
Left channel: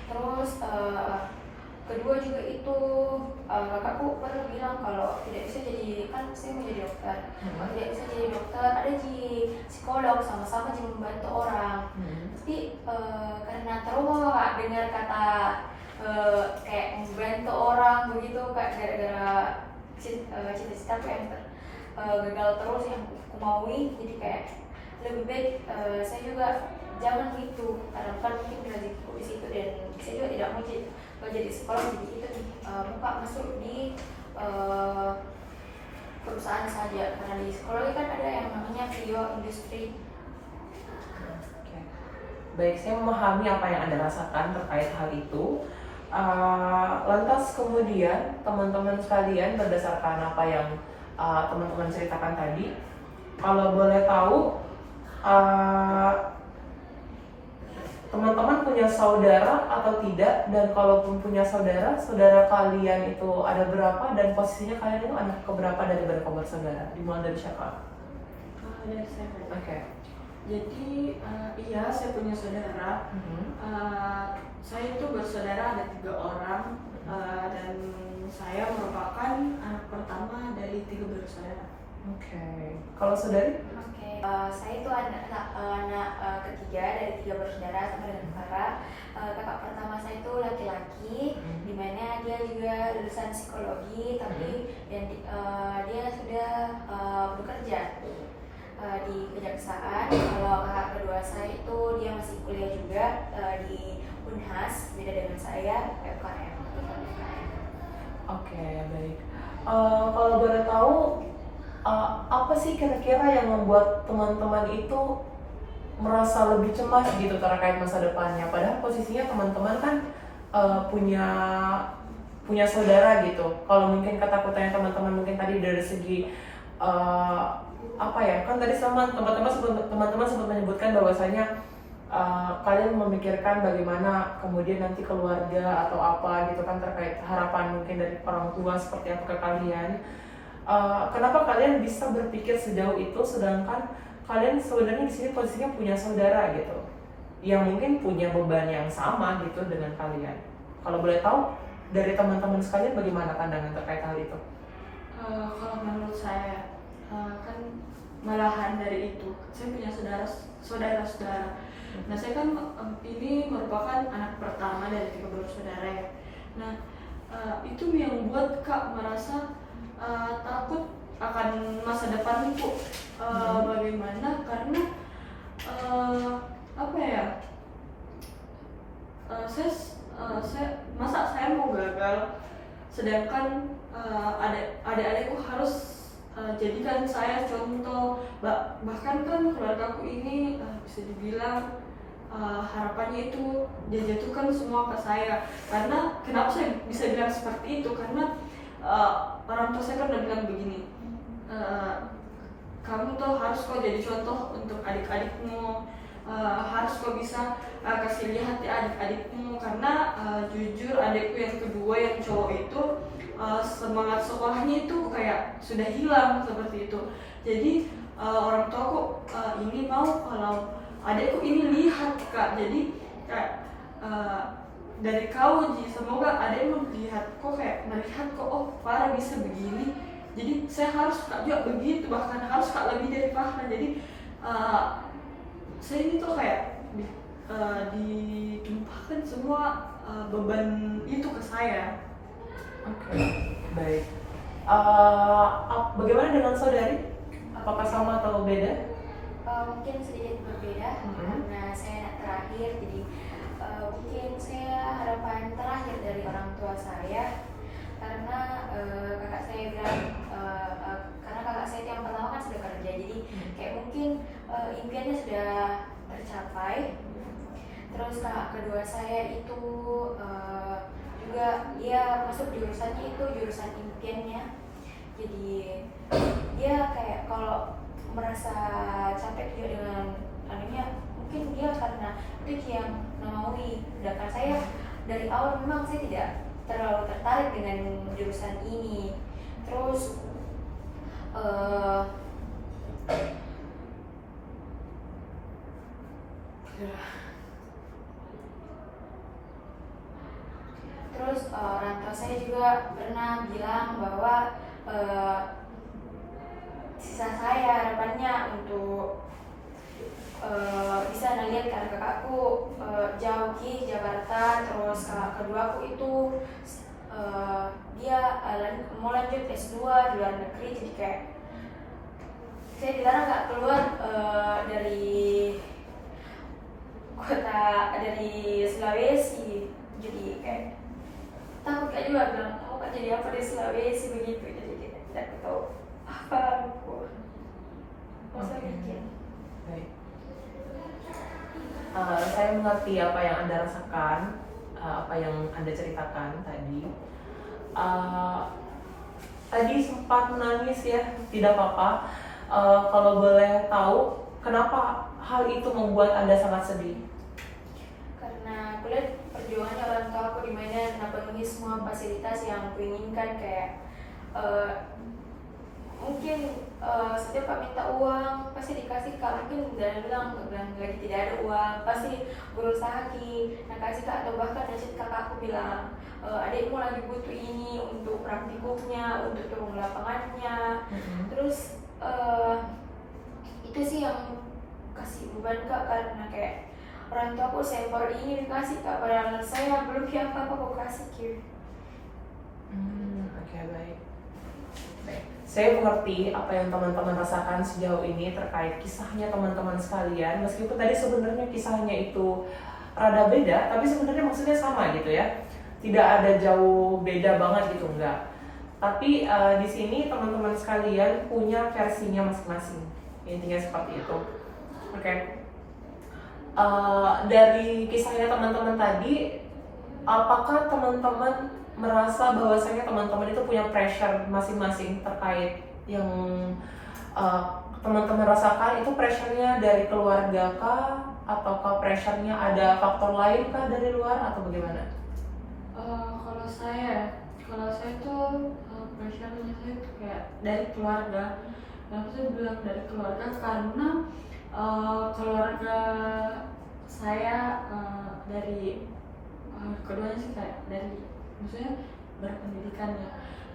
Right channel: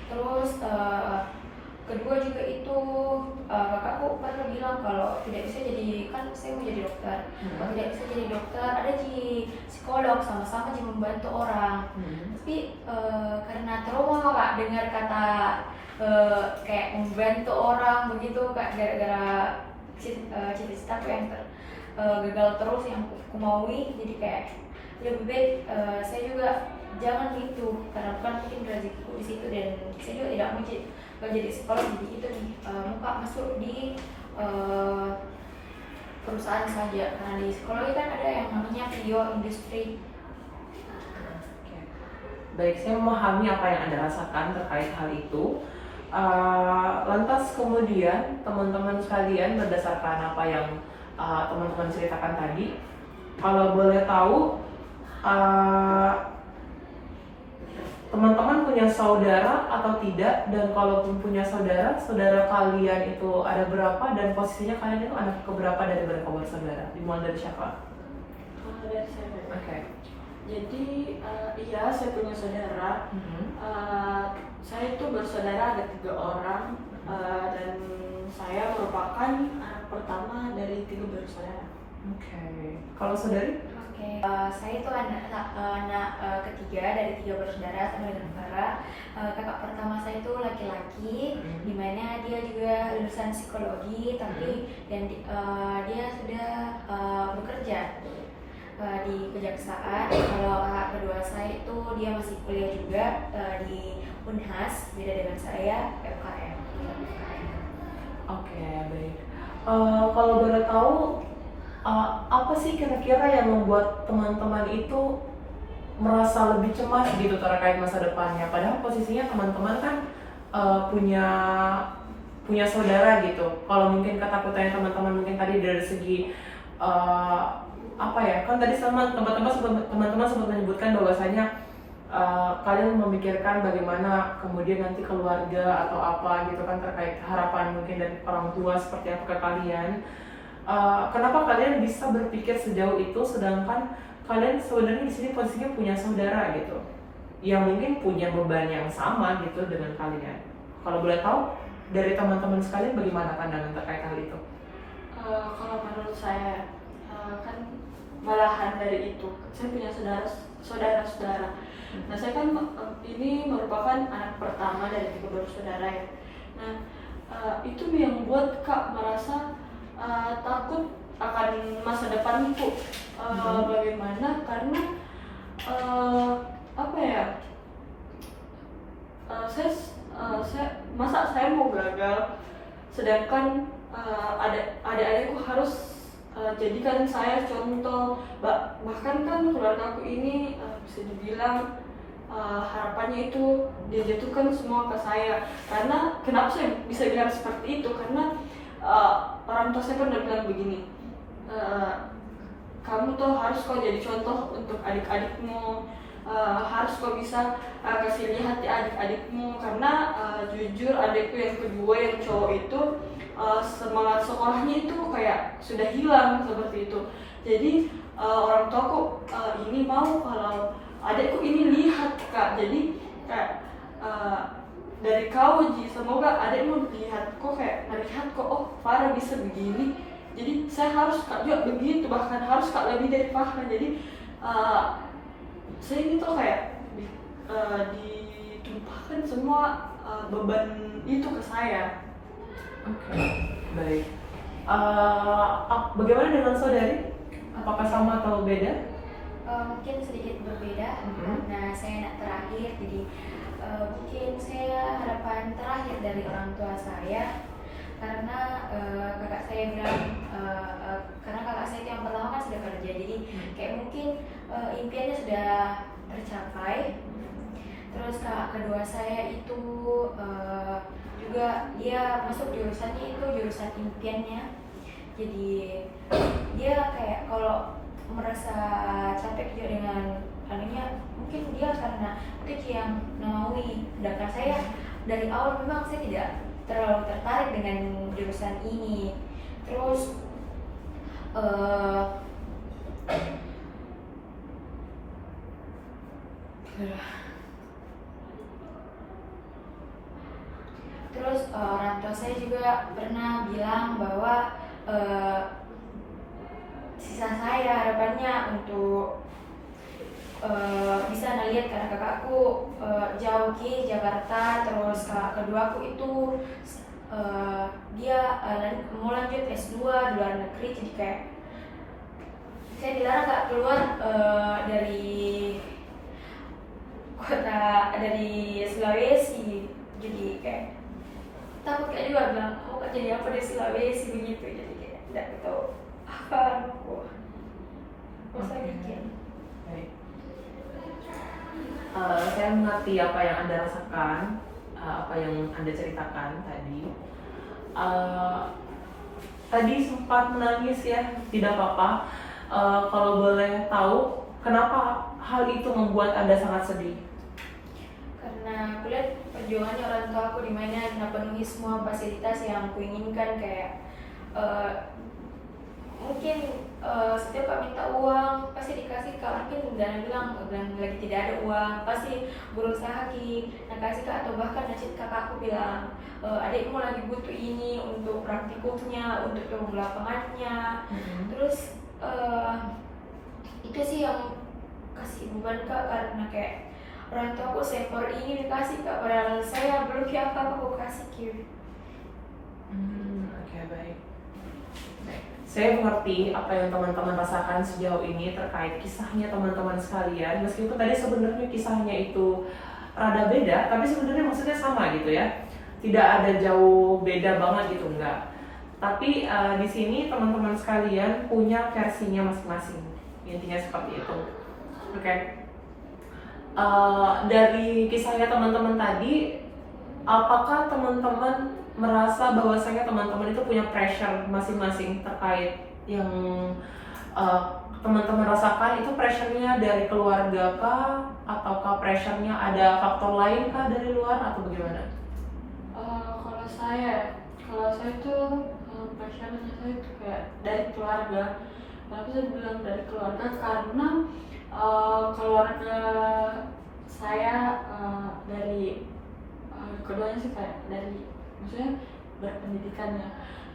Terus kedua juga itu kakakku pernah bilang kalau tidak bisa jadi, kan saya mau jadi dokter, kalau tidak bisa jadi dokter ada di psikolog sama-sama jadi membantu orang. Tapi karena trauma Kak dengar kata kayak membantu orang begitu Kak, gara-gara cita-citaku yang gagal terus yang aku maui, jadi kayak lebih baik saya juga jangan gitu, karena kan mungkin rezekiku di situ dan saya juga tidak mau jadi psikolog, jadi itu nih muka masuk di perusahaan saja, karena di psikologi kan ada yang namanya pure industri. Oke. Baik, saya memahami apa yang Anda rasakan terkait hal itu. Lantas kemudian teman-teman sekalian, berdasarkan apa yang teman-teman ceritakan tadi, kalau boleh tahu teman-teman punya saudara atau tidak, dan kalaupun punya saudara kalian itu ada berapa, dan posisinya kalian itu anak keberapa dari berapa bersaudara? Dimulai dari siapa? Dari saya. Oke. Jadi iya saya punya saudara. Saya itu bersaudara ada 3 orang dan saya merupakan anak pertama dari 3 bersaudara. Oke. Kalau saudari? Saya itu anak ketiga dari 3 bersaudara sama dengan Farah. Kakak pertama saya itu laki-laki, dimana dia juga lulusan psikologi, tapi dan dia sudah bekerja di kejaksaan. Kalau kakak kedua saya itu dia masih kuliah juga di Unhas, beda dengan saya FKM. Oke, baik. Kalau boleh tahu, apa sih kira-kira yang membuat teman-teman itu merasa lebih cemas gitu terkait masa depannya? Padahal posisinya teman-teman kan punya saudara gitu. Kalau mungkin ketakutannya teman-teman mungkin tadi dari segi apa ya? Kan tadi sama teman-teman sempat menyebutkan bahwasanya kalian memikirkan bagaimana kemudian nanti keluarga atau apa gitu kan, terkait harapan mungkin dari orang tua seperti apa ke kalian. Kenapa kalian bisa berpikir sejauh itu, sedangkan kalian sebenarnya di sini posisinya punya saudara gitu, yang mungkin punya beban yang sama gitu dengan kalian? Kalau boleh tahu dari teman-teman sekalian bagaimana pandangan terkait hal itu? Kalau menurut saya kan malahan dari itu, saya punya saudara-saudara. Nah saya kan ini merupakan anak pertama dari 3 bersaudara ya. Nah, itu yang buat Kak merasa takut akan masa depanku. Bagaimana? Karena apa ya? Saya mau gagal, sedangkan adik-adikku harus jadikan saya contoh. Bahkan kan keluargaku ini bisa dibilang harapannya itu dia jatuhkan semua ke saya. Karena kenapa saya bisa bilang seperti itu? Karena orang tua saya kan udah bilang begini, kamu tuh harus kok jadi contoh untuk adik-adikmu, harus kok bisa kasih lihat ya adik-adikmu. Karena jujur adikku yang kedua yang cowok itu semangat sekolahnya itu kayak sudah hilang seperti itu. Jadi orang tuaku ini mau kalau adikku ini lihat Kak, jadi kayak dari kau Ji, semoga adikmu lihat kok, kayak melihat kok, oh Farah bisa begini, jadi saya harus Kak juga begitu, bahkan harus Kak lebih dari Farah. Jadi saya ini tuh kayak ditumpahkan semua beban itu ke saya. Oke, baik. Bagaimana dengan saudari? Apakah sama atau beda? Mungkin sedikit berbeda. Mhm. Nah, saya anak terakhir, jadi mungkin saya harapan terakhir dari orang tua saya, karena kakak saya bilang karena kakak saya itu yang pertama kan sudah kerja, jadi kayak mungkin impiannya sudah tercapai. Terus kakak kedua saya itu juga dia masuk jurusannya itu jurusan impiannya, jadi dia kayak kalau merasa capek juga dengan anunya, mungkin dia karena itu yang memaui. Sedangkan saya dari awal memang saya tidak terlalu tertarik dengan jurusan ini. Terus orang tua saya juga pernah bilang bahwa sisa saya harapannya untuk bisa ngeliat karena kakakku jauh ke Jakarta, terus kakak keduaku itu dia mau lanjut S2 di luar negeri, jadi kayak saya dilarang gak keluar dari kota, dari Sulawesi. Jadi kayak takut kayak juga bilang mau jadi apa di Sulawesi begitu, jadi kayak tidak tahu apa aku saya bikin. Baik. Saya mengerti apa yang Anda rasakan, apa yang Anda ceritakan tadi. Tadi sempat menangis ya, tidak apa-apa. Kalau boleh tahu, kenapa hal itu membuat Anda sangat sedih? Karena aku lihat perjuangannya orang tua aku di mana dan penuhi semua fasilitas yang aku inginkan, kayak mungkin setiap kak minta uang pasti dikasih kak, mungkin dan bilang lagi tidak ada uang pasti berusaha ki nah kasih kak, atau bahkan dari kakakku bilang adikmu lagi butuh ini untuk praktikumnya, untuk turun lapangannya. Terus itu sih yang kasih beban kak, karena kayak orang tua aku sepor ini dikasih kak, padahal saya belum apa-apa aku kasih ki. Oke, baik. Saya mengerti apa yang teman-teman rasakan sejauh ini terkait kisahnya teman-teman sekalian. Meskipun tadi sebenarnya kisahnya itu rada beda, tapi sebenarnya maksudnya sama gitu ya. Tidak ada jauh beda banget gitu, enggak. Tapi di sini teman-teman sekalian punya versinya masing-masing. Intinya seperti itu. Oke. Dari kisahnya teman-teman tadi, apakah teman-teman merasa bahwasanya teman-teman itu punya pressure masing-masing terkait yang teman-teman rasakan? Itu pressure-nya dari keluarga kah? Ataukah pressure-nya ada faktor lain kah dari luar atau bagaimana? Kalau saya tuh pressure-nya saya tuh kayak dari keluarga. Kenapa saya bilang dari keluarga? Karena keluarga saya dari keduanya sih kayak dari maksudnya berpendidikan ya.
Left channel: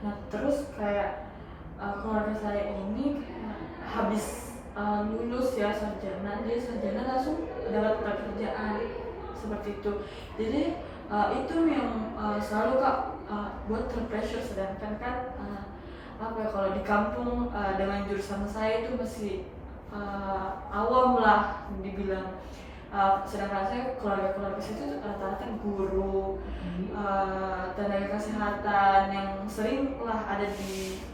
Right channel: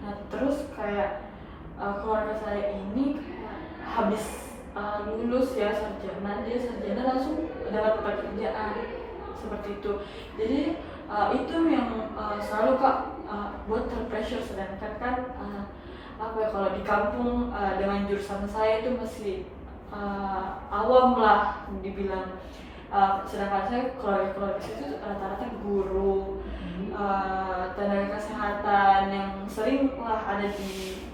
Nah terus kayak keluarga saya ini kayak habis lulus ya sarjana, dia sarjana langsung dapat pekerjaan seperti itu. Jadi itu yang selalu Kak buat terpressure, sedangkan kan apa ya, kalau di kampung dengan jurusan saya itu masih awam lah dibilang. Sedangkan saya keluarga situ rata-rata guru, tenaga kesehatan yang sering lah ada di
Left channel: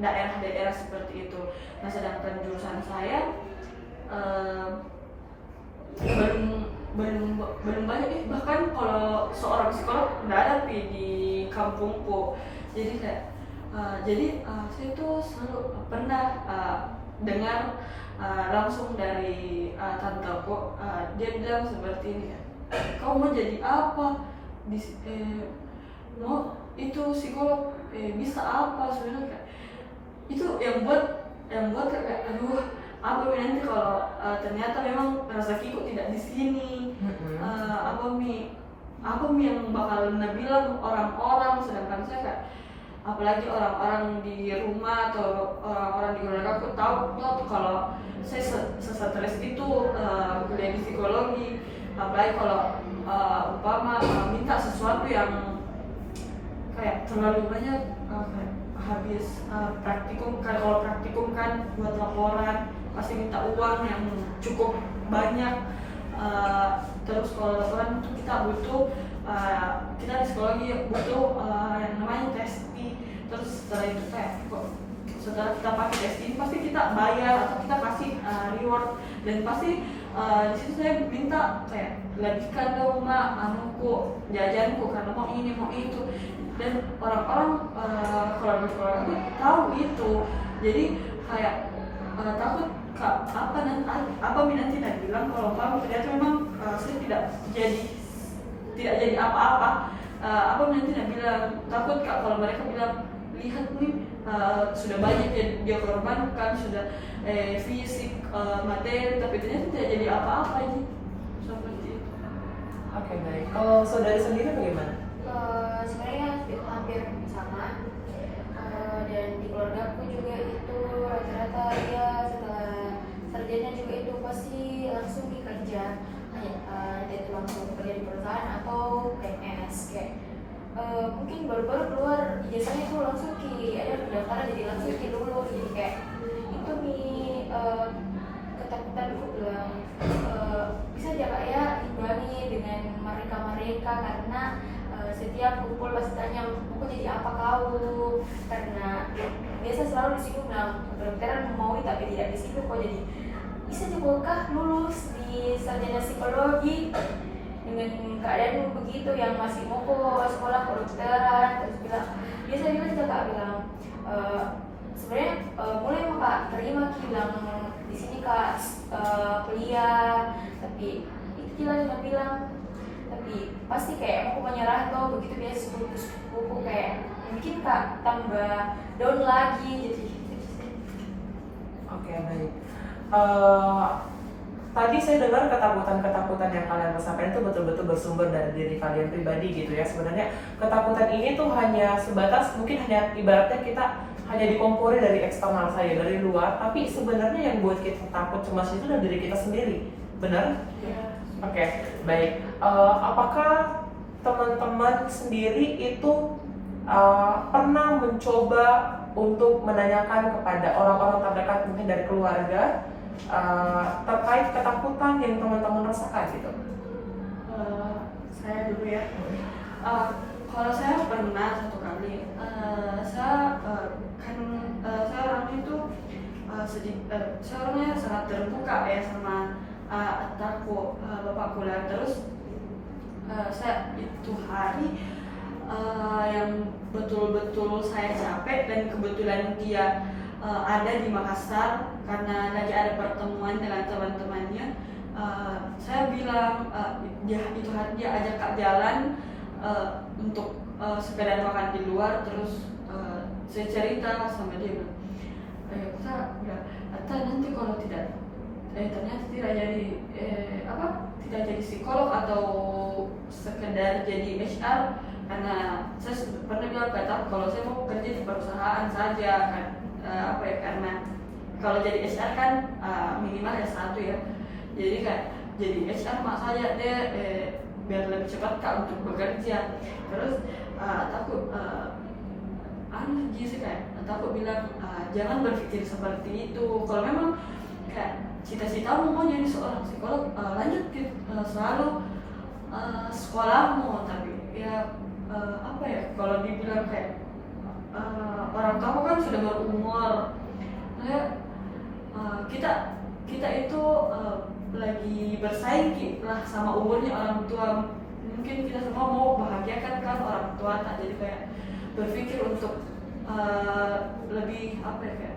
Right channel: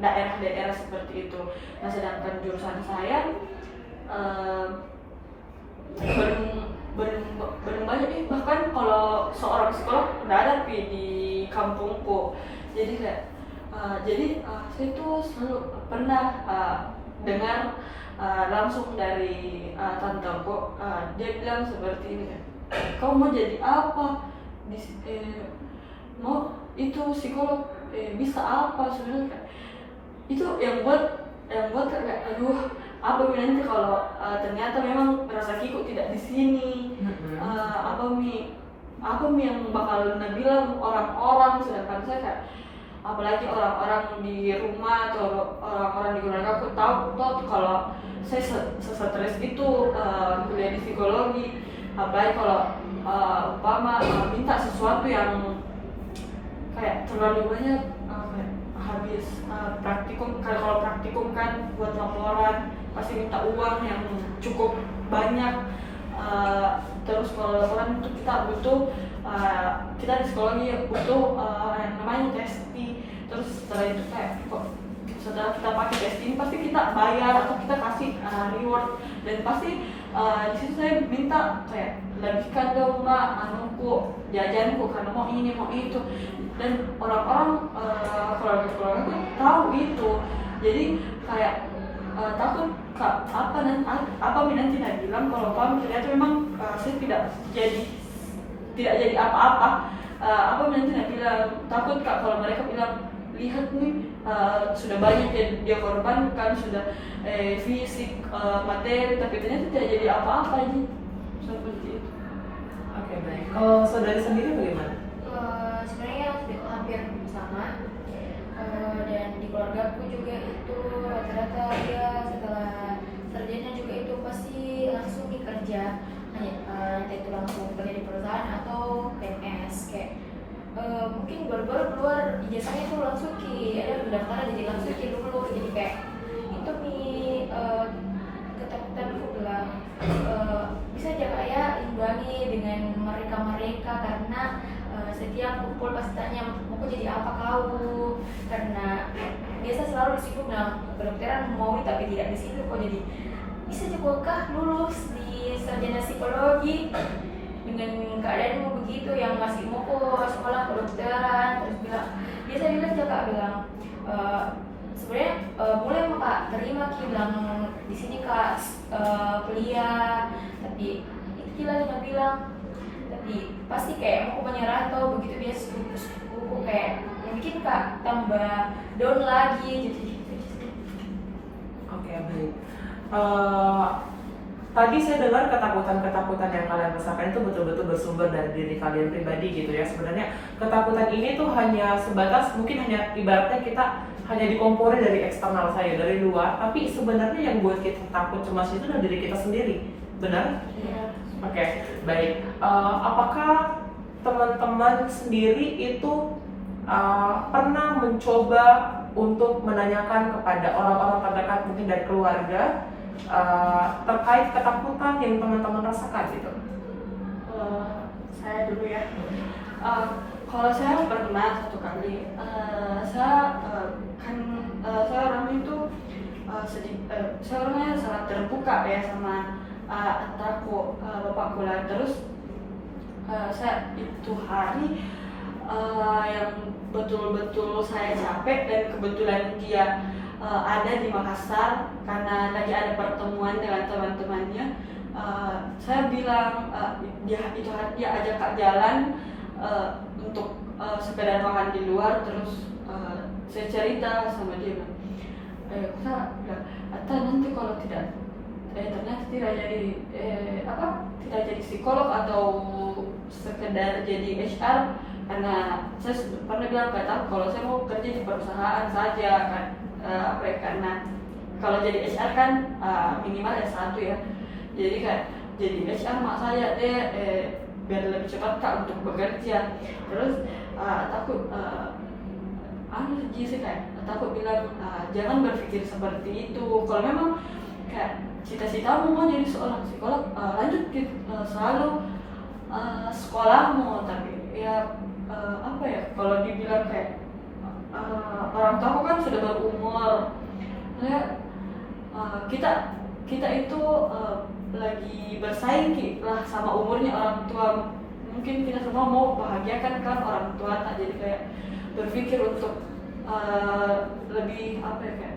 daerah-daerah seperti itu. Nah sedangkan jurusan saya belum banyak, bahkan kalau seorang psikolog nggak ada di kampungku. Jadi kayak saya tuh selalu pernah dengar langsung dari tanteku, dia bilang seperti ini, kau mau jadi apa mau itu psikolog, bisa apa sebenarnya. Itu yang buat kayak aduh, apa nanti kalau ternyata memang rezekiku tidak di sini, apa yang bakal bilang orang-orang. Sedangkan saya kayak, apalagi orang-orang di rumah atau orang-orang di keluarga aku takut kalau saya stres itu kuliah di psikologi. Apalagi kalau umpama minta sesuatu yang kayak terlalu banyak, habis praktikum. Kalau praktikum kan buat laporan pasti minta uang yang cukup banyak. Terus kalau laporan itu kita butuh, kita di psikologi butuh yang namanya testi. Terus setelah itu setelah kita pakai tes ini pasti kita bayar atau kita kasih reward, dan pasti di situ saya minta kayak lebihkan dong Mbak anuku, jajanku karena mau ini mau itu. Dan orang-orang keluarga itu tahu itu, jadi kayak takut apa nanti bilang kalau kamu ternyata memang saya tidak jadi apa-apa. Apa nanti bilang, takut Kak kalau mereka bilang, lihat nih sudah banyak dia korbankan, sudah fisik, materi, tapi ternyata tidak jadi apa-apa ini seperti itu. Oke, baik. Kalau saudari sendiri bagaimana? Sebenarnya hampir sama, dan di keluarga aku juga itu rata-rata ya setelah sarjana juga itu pasti langsung kerja, itu langsung kerja di perusahaan atau PNS kayak mungkin baru-baru keluar ijazahnya itu langsung ada pendaftaran jadi langsung dulu, jadi kayak itu nih ketakutan aku bilang bisa aja kayak imbangi dengan mereka karena setiap kumpul pasti tanya mau jadi apa kau, karena biasa selalu disinggung nah kedokteran mau tapi tidak di situ kok, jadi bisa juga lulus di sarjana psikologi dengan keadaanmu begitu yang masih mau kok sekolah kedokteran. Terus biasa bilang sebenarnya mulai Kak terima bilang di sini Kak kuliah, tapi itu jelas dia bilang tapi pasti kayak mau menyerah atau begitu biasa buku kayak yang bikin Kak tambah down lagi jadi gitu. Oke, baik. Tadi saya dengar ketakutan yang kalian rasakan itu betul-betul bersumber dari diri kalian pribadi gitu ya. Sebenarnya ketakutan ini tuh hanya sebatas, mungkin hanya ibaratnya kita hanya dikompori dari eksternal saya, dari luar. Tapi sebenarnya yang buat kita takut cemas itu dari diri kita sendiri, benar? Iya. Oke, baik. Apakah teman-teman sendiri itu pernah mencoba untuk menanyakan kepada orang-orang terdekat mungkin dari keluarga terkait ketakutan yang teman-teman rasakan gitu? Saya dulu ya. Kalau saya pernah satu kali, saya orangnya itu saya orangnya sangat terbuka ya sama antaku bapakku lah. Terus saya itu hari yang betul-betul saya capek, dan kebetulan dia ada di Makassar karena lagi ada pertemuan dengan teman-temannya. Saya bilang dia ajak Kak jalan untuk sepeda makan di luar. Terus saya cerita sama dia, kita bilang, Atta nanti kalau tidak ternyata tidak jadi psikolog atau sekedar jadi HR, karena saya pernah bilang kalau saya mau kerja di perusahaan saja kan. Karena kalau jadi HR kan minimal S1 ya, jadi kayak jadi HR mak saya deh biar lebih cepat kak untuk bekerja. Terus takut sih kayak takut bilang jangan berpikir seperti itu. Kalau memang kayak cita-citamu mau jadi seorang psikolog, lanjut selalu sekolahmu. Tapi ya apa ya, kalau dibilang kayak orang tua aku kan sudah berumur, ya, kita itu lagi bersaing lah sama umurnya orang tua. Mungkin kita semua mau bahagiakan kan orang tua, jadi kayak berpikir untuk lebih apa ya, kayak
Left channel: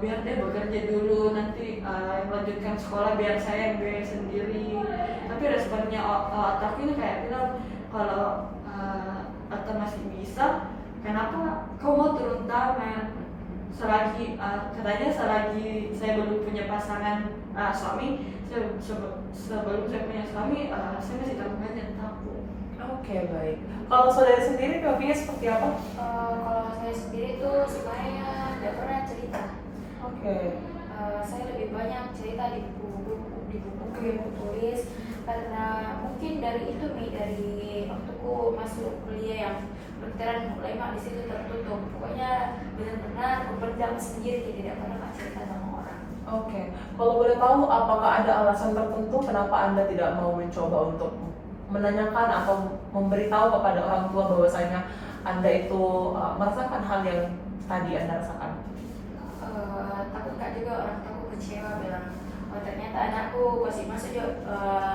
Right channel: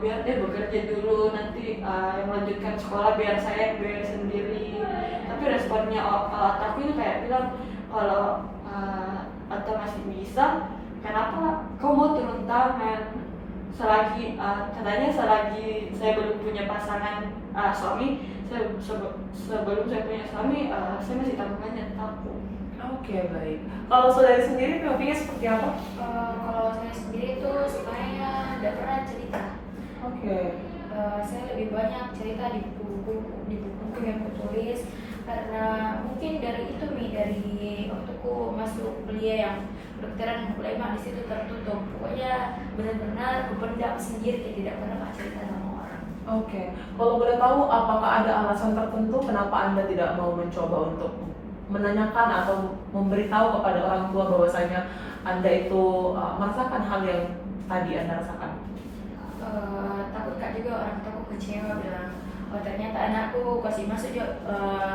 biar dia bekerja dulu, nanti yang melanjutkan sekolah biar saya yang biaya sendiri. Tapi responnya otakku ini kayak bilang kalau atau masih bisa, kenapa kau mau turun tangan? Selagi katanya selagi saya belum punya pasangan suami, sebelum saya punya suami, saya masih tanggungannya takut. Oke, baik. Kalau saudari sendiri hobinya seperti apa? Kalau saya sendiri tuh sebenarnya tidak pernah cerita. Oke. Saya lebih banyak cerita di buku yang aku tulis, karena mungkin dari itu dari waktuku masuk kuliah yang kedokteran mulai di situ tertutup. Pokoknya benar-benar kupendam sendiri, tidak pernah cerita sama orang. Oke. Kalau boleh tahu, apakah ada alasan tertentu kenapa Anda tidak mau mencoba untuk menanyakan atau memberitahu kepada orang tua bahwasanya Anda itu merasakan hal yang tadi Anda rasakan? Takut kak juga orang tua kecewa, bilang ternyata anakku kasih masuk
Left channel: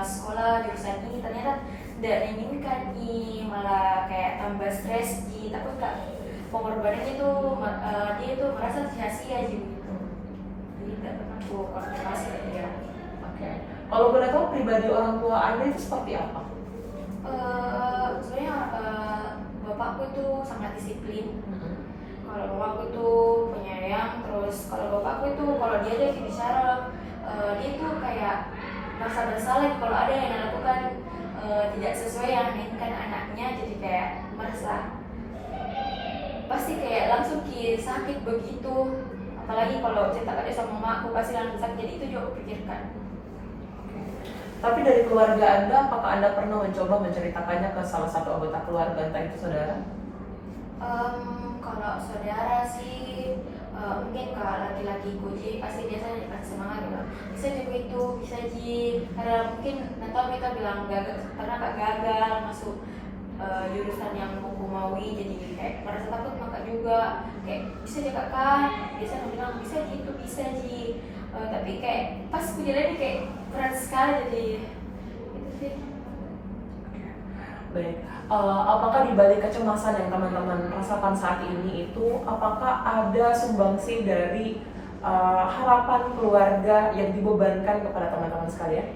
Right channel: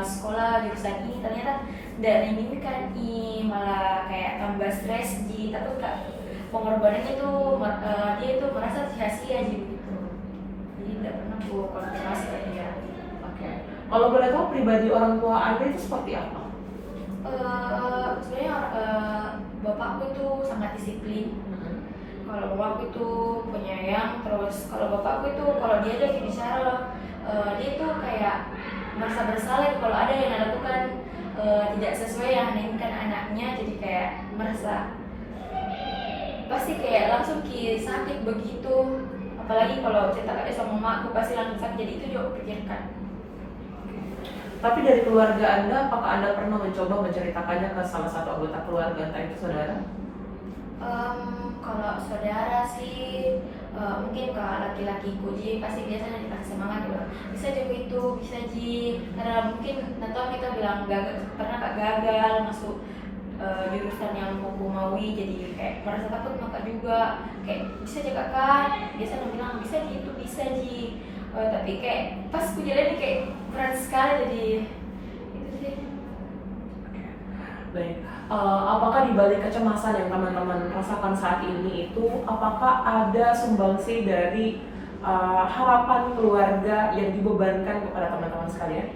sekolah jurusan ini ternyata tidak diinginkan, malah kayak tambah stres. Takut kak pengorbanannya itu dia itu merasa sia-sia gitu. Jadi tidak pernah aku konfirmasi ke dia. Oke. Kalau boleh tahu pribadi orang tua Anda itu seperti apa? Sebenarnya bapakku itu sangat disiplin. Kalau bapakku itu penyayang, terus kalau bapakku itu kalau dia ada bicara, dia tuh kayak merasa bersalah kalau ada yang lakukan tidak sesuai yang diinginkan anaknya, jadi kayak merasa pasti kayak langsung sakit begitu. Apalagi kalau cerita sama mamaku pasti langsung sakit, jadi itu juga aku pikirkan. Tapi dari keluarga Anda, apakah Anda pernah mencoba menceritakannya ke salah satu anggota keluarga, entah itu saudara? Kalau saudara sih mungkin ke laki-lakiku, jadi pasti biasanya dikasih semangat gitu. Bisa juga itu, bisa ji. Karena mungkin nanti mereka bilang pernah gagal masuk jurusan yang aku maui, jadi kayak merasa takut maka juga kayak bisa juga kan. Biasanya bilang bisa gitu, bisa ji. Tapi kayak pas aku jalan kayak berat sekali, jadi itu sih. Baik. Apakah di balik kecemasan yang teman-teman rasakan saat ini itu, apakah ada sumbangsih dari harapan keluarga yang dibebankan kepada teman-teman sekalian?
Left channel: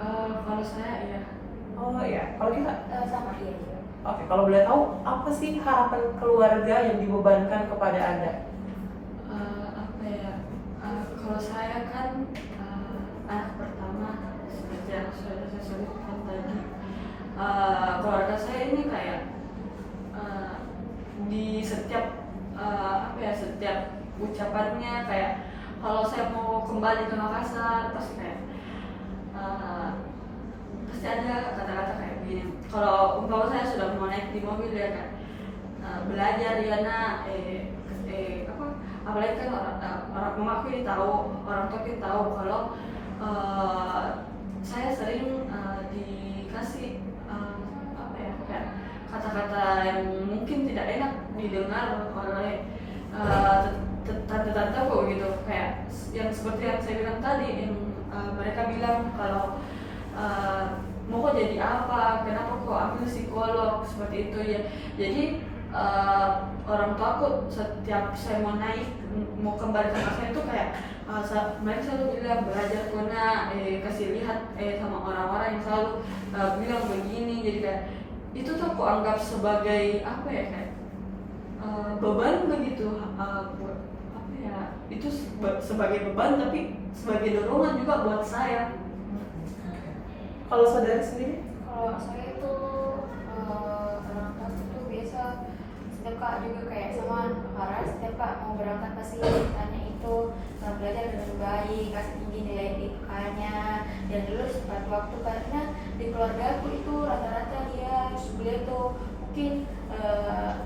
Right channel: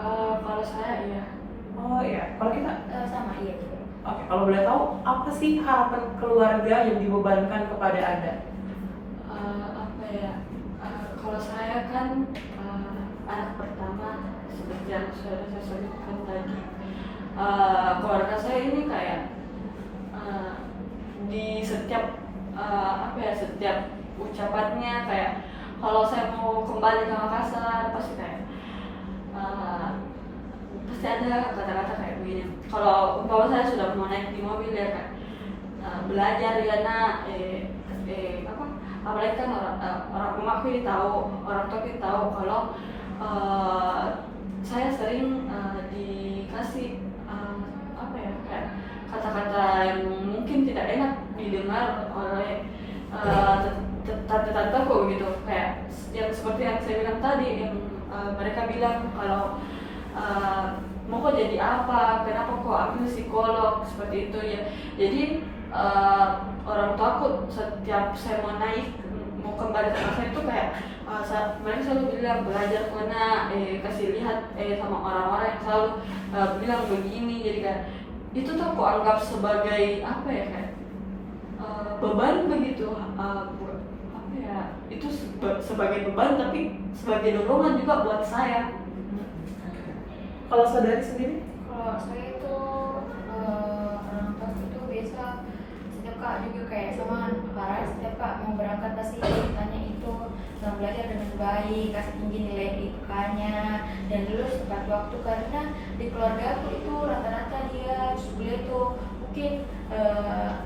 Kalau saya iya. Oh iya. Kalau kita? Sama iya juga. Oke. Kalau boleh tahu, apa sih harapan keluarga yang dibebankan kepada Anda? Apa ya? Kalau saya kan anak pertama, seperti yang sudah saya sebutkan tadi. Keluarga saya ini kayak di setiap setiap ucapannya kayak kalau saya mau kembali ke Makassar pasti kayak pasti ada kata-kata kayak begini. Kalau umpama saya sudah mau naik di mobil ya kan, belajar ya nak, apalagi kan orang emakku ini tahu, orang tua ini tahu kalau saya sering dikasih kayak kata-kata yang mungkin tidak enak didengar oleh tante-tanteku gitu, kayak yang seperti yang saya bilang tadi, yang mereka bilang kalau mau kok jadi apa, kenapa kok ambil psikolog, seperti itu ya. Jadi orang tua aku setiap saya mau naik mau kembali ke saya itu kayak mereka selalu bilang belajar kena kasih lihat sama orang-orang yang selalu bilang begini. Jadi kayak itu tuh aku anggap sebagai apa ya, kayak beban begitu, itu sebagai beban tapi sebagai dorongan juga buat saya. Kalau saudari sendiri? Kalau saya itu orang tua itu biasa setiap kak juga kayak sama Farah, setiap kak mau berangkat pasti tanya itu belajar dengan baik, kasih tinggi nilai IPK-nya dan lulus tepat waktu, karena di keluarga aku itu rata-rata dia kuliah tuh mungkin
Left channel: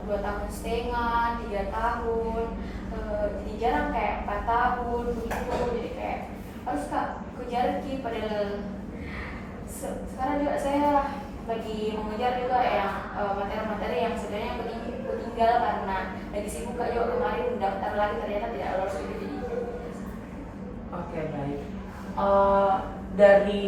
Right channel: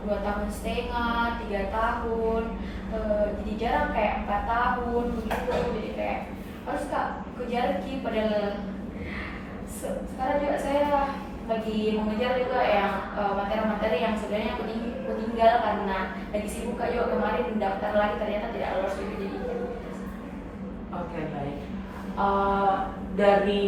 2,5 tahun, 3 tahun, jadi jarang kayak 4 tahun gitu. Jadi kayak harus kak kejar lagi, padahal sekarang juga saya lagi mengejar juga yang materi-materi yang sebenarnya ketinggal karena lagi sibuk juga kemarin mendaftar lagi ternyata tidak lolos juga jadi. Oke, baik. Dari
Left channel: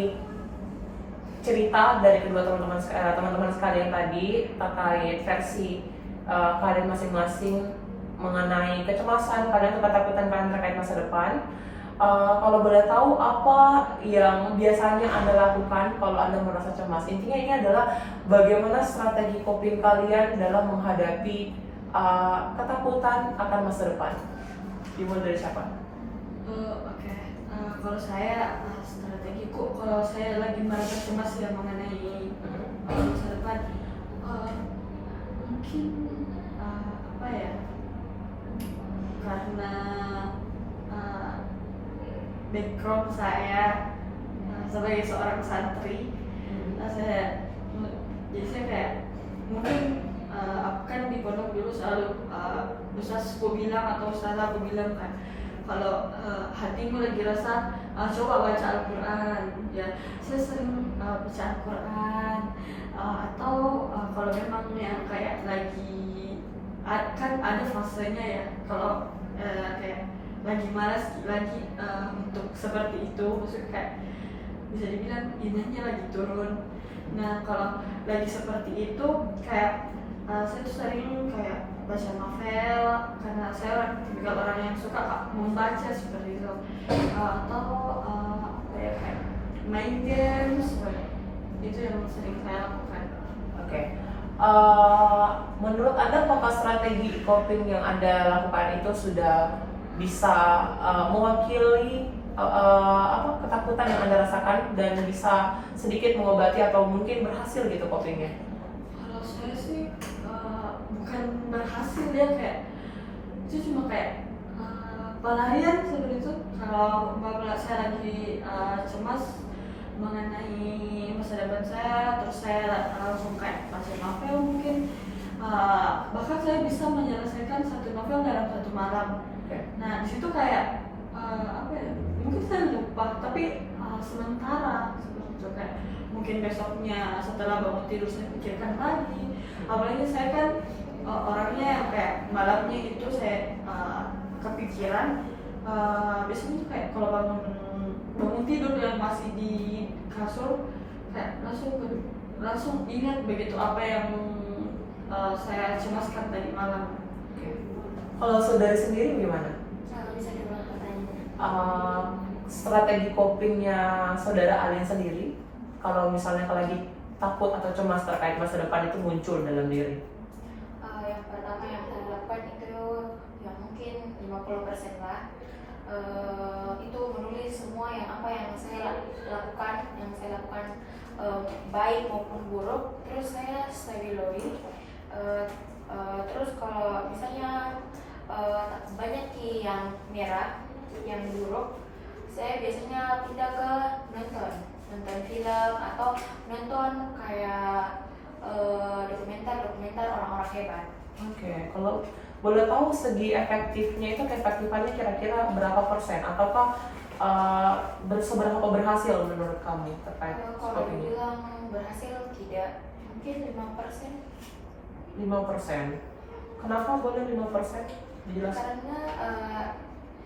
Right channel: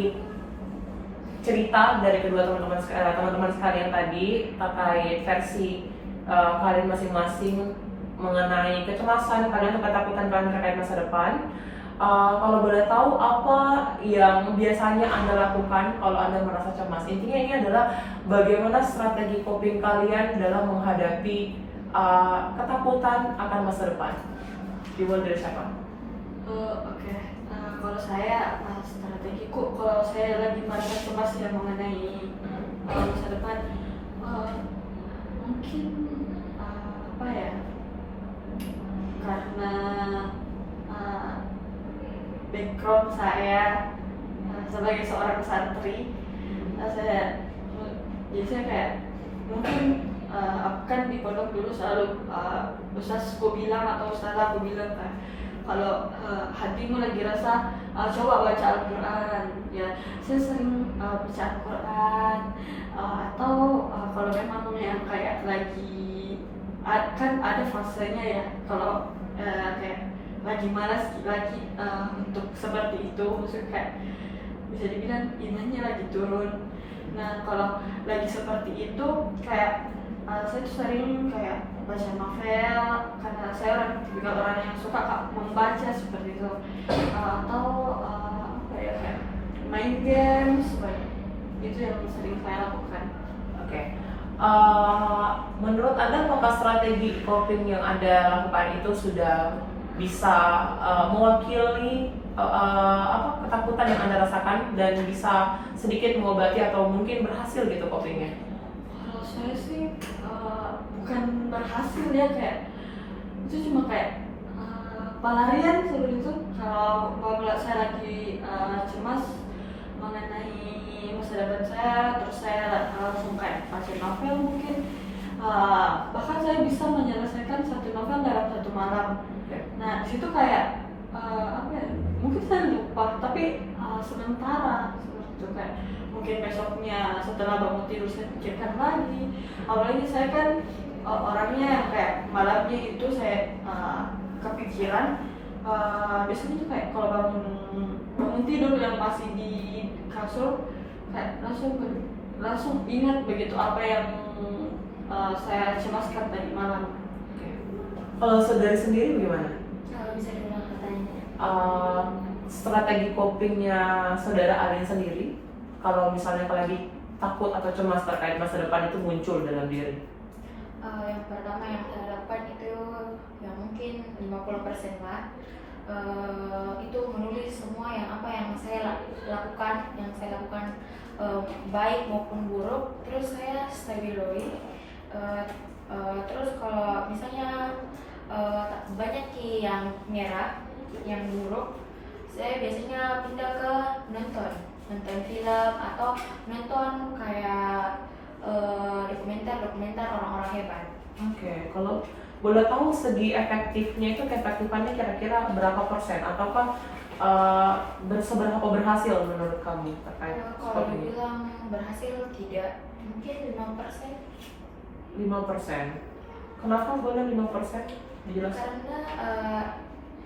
cerita dari kedua teman-teman sekalian tadi terkait versi kalian masing-masing mengenai kecemasan kalian atau ketakutan kalian terkait masa depan. Kalau boleh tahu apa yang biasanya Anda lakukan kalau Anda merasa cemas? Intinya ini adalah bagaimana strategi coping kalian dalam menghadapi ketakutan akan masa depan. Dimulai dari siapa? Oke. Kalau saya strategiku, kalau saya lagi merasa cemas ya mengenai masa depan, mungkin apa ya? Karena background saya sebagai seorang santri, saya kayak mungkin aku kan di pondok dulu selalu ustazku bilang atau ustazah aku bilang kan, kalau hatimu lagi rasa coba baca Al-Quran, ya saya sering baca Al-Quran, atau kalau memang yang kayak lagi kan ada fasenya ya, kalau kayak lagi malas lagi untuk seperti itu, maksudnya kayak bisa dibilang imannya lagi turun. Nah kalau lagi seperti itu kayak saya tuh sering kayak baca novel karena saya tipikal orang yang suka membaca seperti itu, atau apa ya, kayak main games, itu yang sering saya lakukan. Oke. Menurut Anda apakah strategi coping yang Anda lakukan itu sudah bisa mewakili ketakutan yang Anda rasakan dan bisa sedikit mengobati atau mungkin berhasil gitu copingnya? Kalau saya sih bukan berhasil ya, kayak itu cuma kayak pelarian seperti itu. Kalau saya lagi cemas mengenai masa depan saya, terus saya langsung kayak baca novel mungkin, bahkan saya bisa menyelesaikan satu novel dalam satu malam. Nah disitu kayak apa ya, mungkin saya lupa tapi sementara seperti itu, kayak mungkin besoknya setelah bangun tidur saya pikirkan lagi. Apalagi saya kan orangnya yang kayak malamnya itu saya kepikiran, biasanya tuh kayak kalau bangun tidur yang masih di kasur kayak langsung ingat begitu apa yang saya cemaskan tadi malam. Kalau saudari sendiri bagaimana? Kalau bisa diulang pertanyaannya. Strategi copingnya saudara Alin sendiri kalau misalnya lagi takut atau cemas terkait masa depan itu muncul dalam diri? Yang pertama yang saya lakukan itu yang mungkin 50% lah, itu menulis semua yang saya lakukan, baik maupun buruk, terus saya stabiloi. Terus kalau misalnya banyak yang merah, yang buruk, saya biasanya pindah ke nonton film atau nonton kayak dokumenter orang-orang hebat. Oke, kalau boleh tahu segi efektifnya itu keefektifannya kira-kira berapa persen? Ataukah seberapa berhasil menurut kamu terkait Kalau coping ini? dibilang berhasil tidak, mungkin 5%. 5%. Kenapa boleh 5%? Dijelaskan. Karena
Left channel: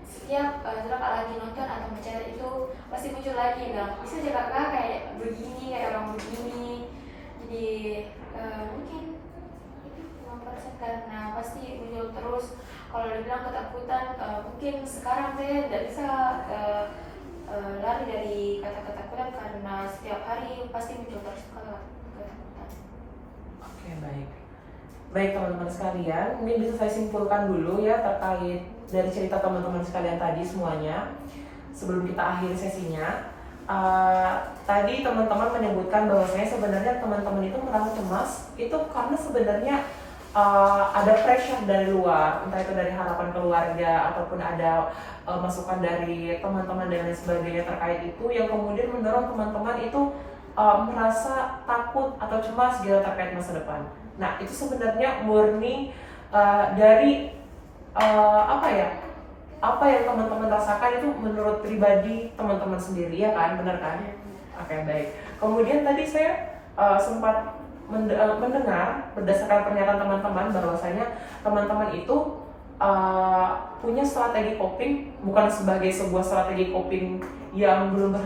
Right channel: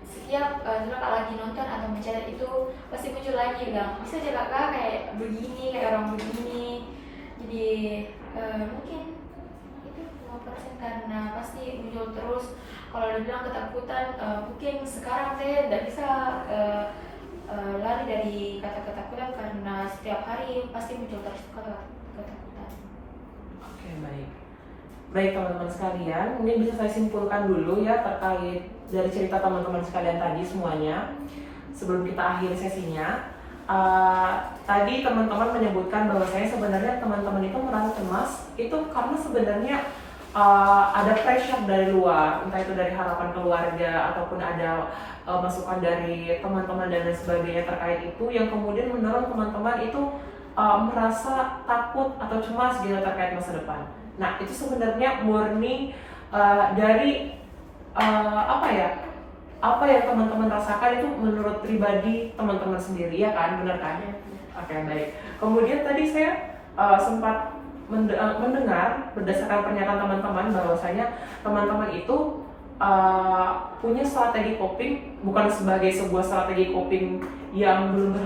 setiap kalau lagi nonton atau baca itu pasti muncul lagi kan, bisa juga kak kayak begini, kayak orang begini. Jadi mungkin itu 5% karena pasti muncul terus. Kalau dibilang ketakutan, mungkin sekarang saya tidak bisa lari dari kata ketakutan karena setiap hari pasti muncul terus ketakutan. Oke, baik. Baik teman-teman sekalian, mungkin bisa saya simpulkan dulu ya terkait dari cerita teman-teman sekalian tadi semuanya sebelum kita akhiri sesinya. Tadi teman-teman menyebutkan bahwasanya sebenarnya teman-teman itu merasa cemas itu karena sebenarnya ada pressure dari luar, entah itu dari harapan keluarga ataupun ada masukan dari teman-teman dan lain sebagainya terkait itu yang kemudian mendorong teman-teman itu merasa takut atau cemas gitu terkait masa depan. Nah, itu sebenarnya murni dari apa yang teman-teman rasakan itu menurut pribadi teman-teman sendiri, ya kan, benar kan? Oke, baik. Kemudian tadi saya sempat mendengar berdasarkan pernyataan teman-teman bahwasanya teman-teman itu punya strategi coping, bukan sebagai sebuah strategi coping yang belum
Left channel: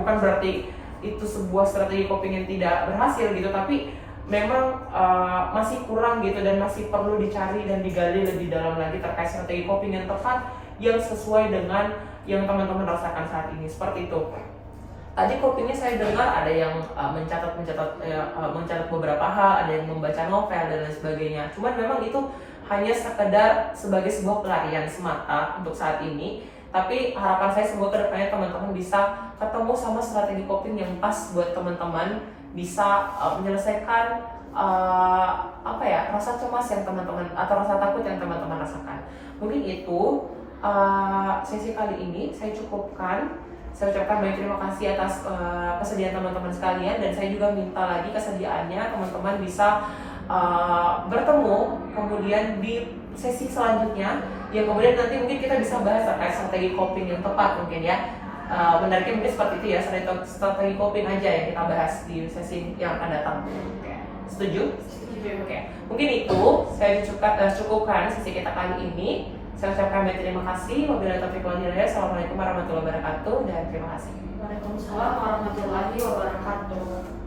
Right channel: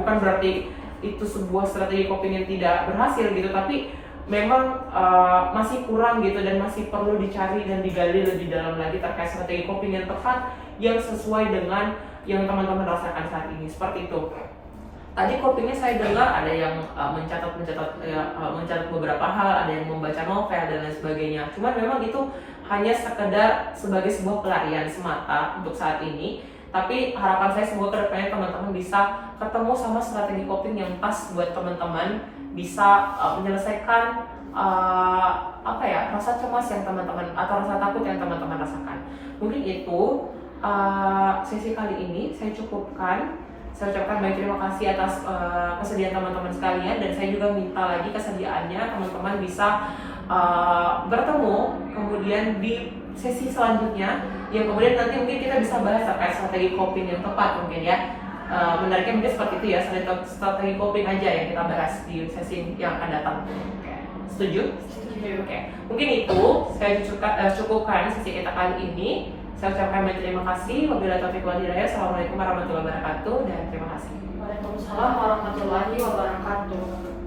bukan berarti itu sebuah strategi coping yang tidak berhasil gitu, tapi memang masih kurang gitu dan masih perlu dicari dan digali lebih dalam lagi terkait strategi coping yang tepat yang sesuai dengan yang teman-teman rasakan saat ini, seperti itu. Tadi copingnya saya dengar ada yang mencatat beberapa hal, ada yang membaca novel dan lain sebagainya. Cuman memang itu hanya sekedar sebagai sebuah pelarian semata untuk saat ini. Tapi harapan saya semoga kedepannya teman-teman bisa ketemu sama strategi coping yang pas buat teman-teman bisa menyelesaikan rasa cemas yang teman-teman atau rasa takut yang teman-teman rasakan. Mungkin itu sesi kali ini saya cukupkan. Saya ucapkan banyak terima kasih atas kesediaan teman-teman sekalian, dan saya juga minta lagi kesediaannya teman-teman bisa bertemu kemudian di sesi selanjutnya yang kemudian nanti mungkin kita bisa bahas terkait strategi coping yang tepat mungkin ya. Menariknya mungkin seperti itu ya, strategi coping aja yang kita bahas di sesi yang akan datang. Setuju? Oke. Mungkin itu saya cukupkan sesi kita kali ini. Saya ucapkan banyak terima kasih. Wabillahi taufiq wal hidayah. Assalamualaikum warahmatullahi wabarakatuh dan terima kasih. Waalaikumsalam warahmatullahi wabarakatuh.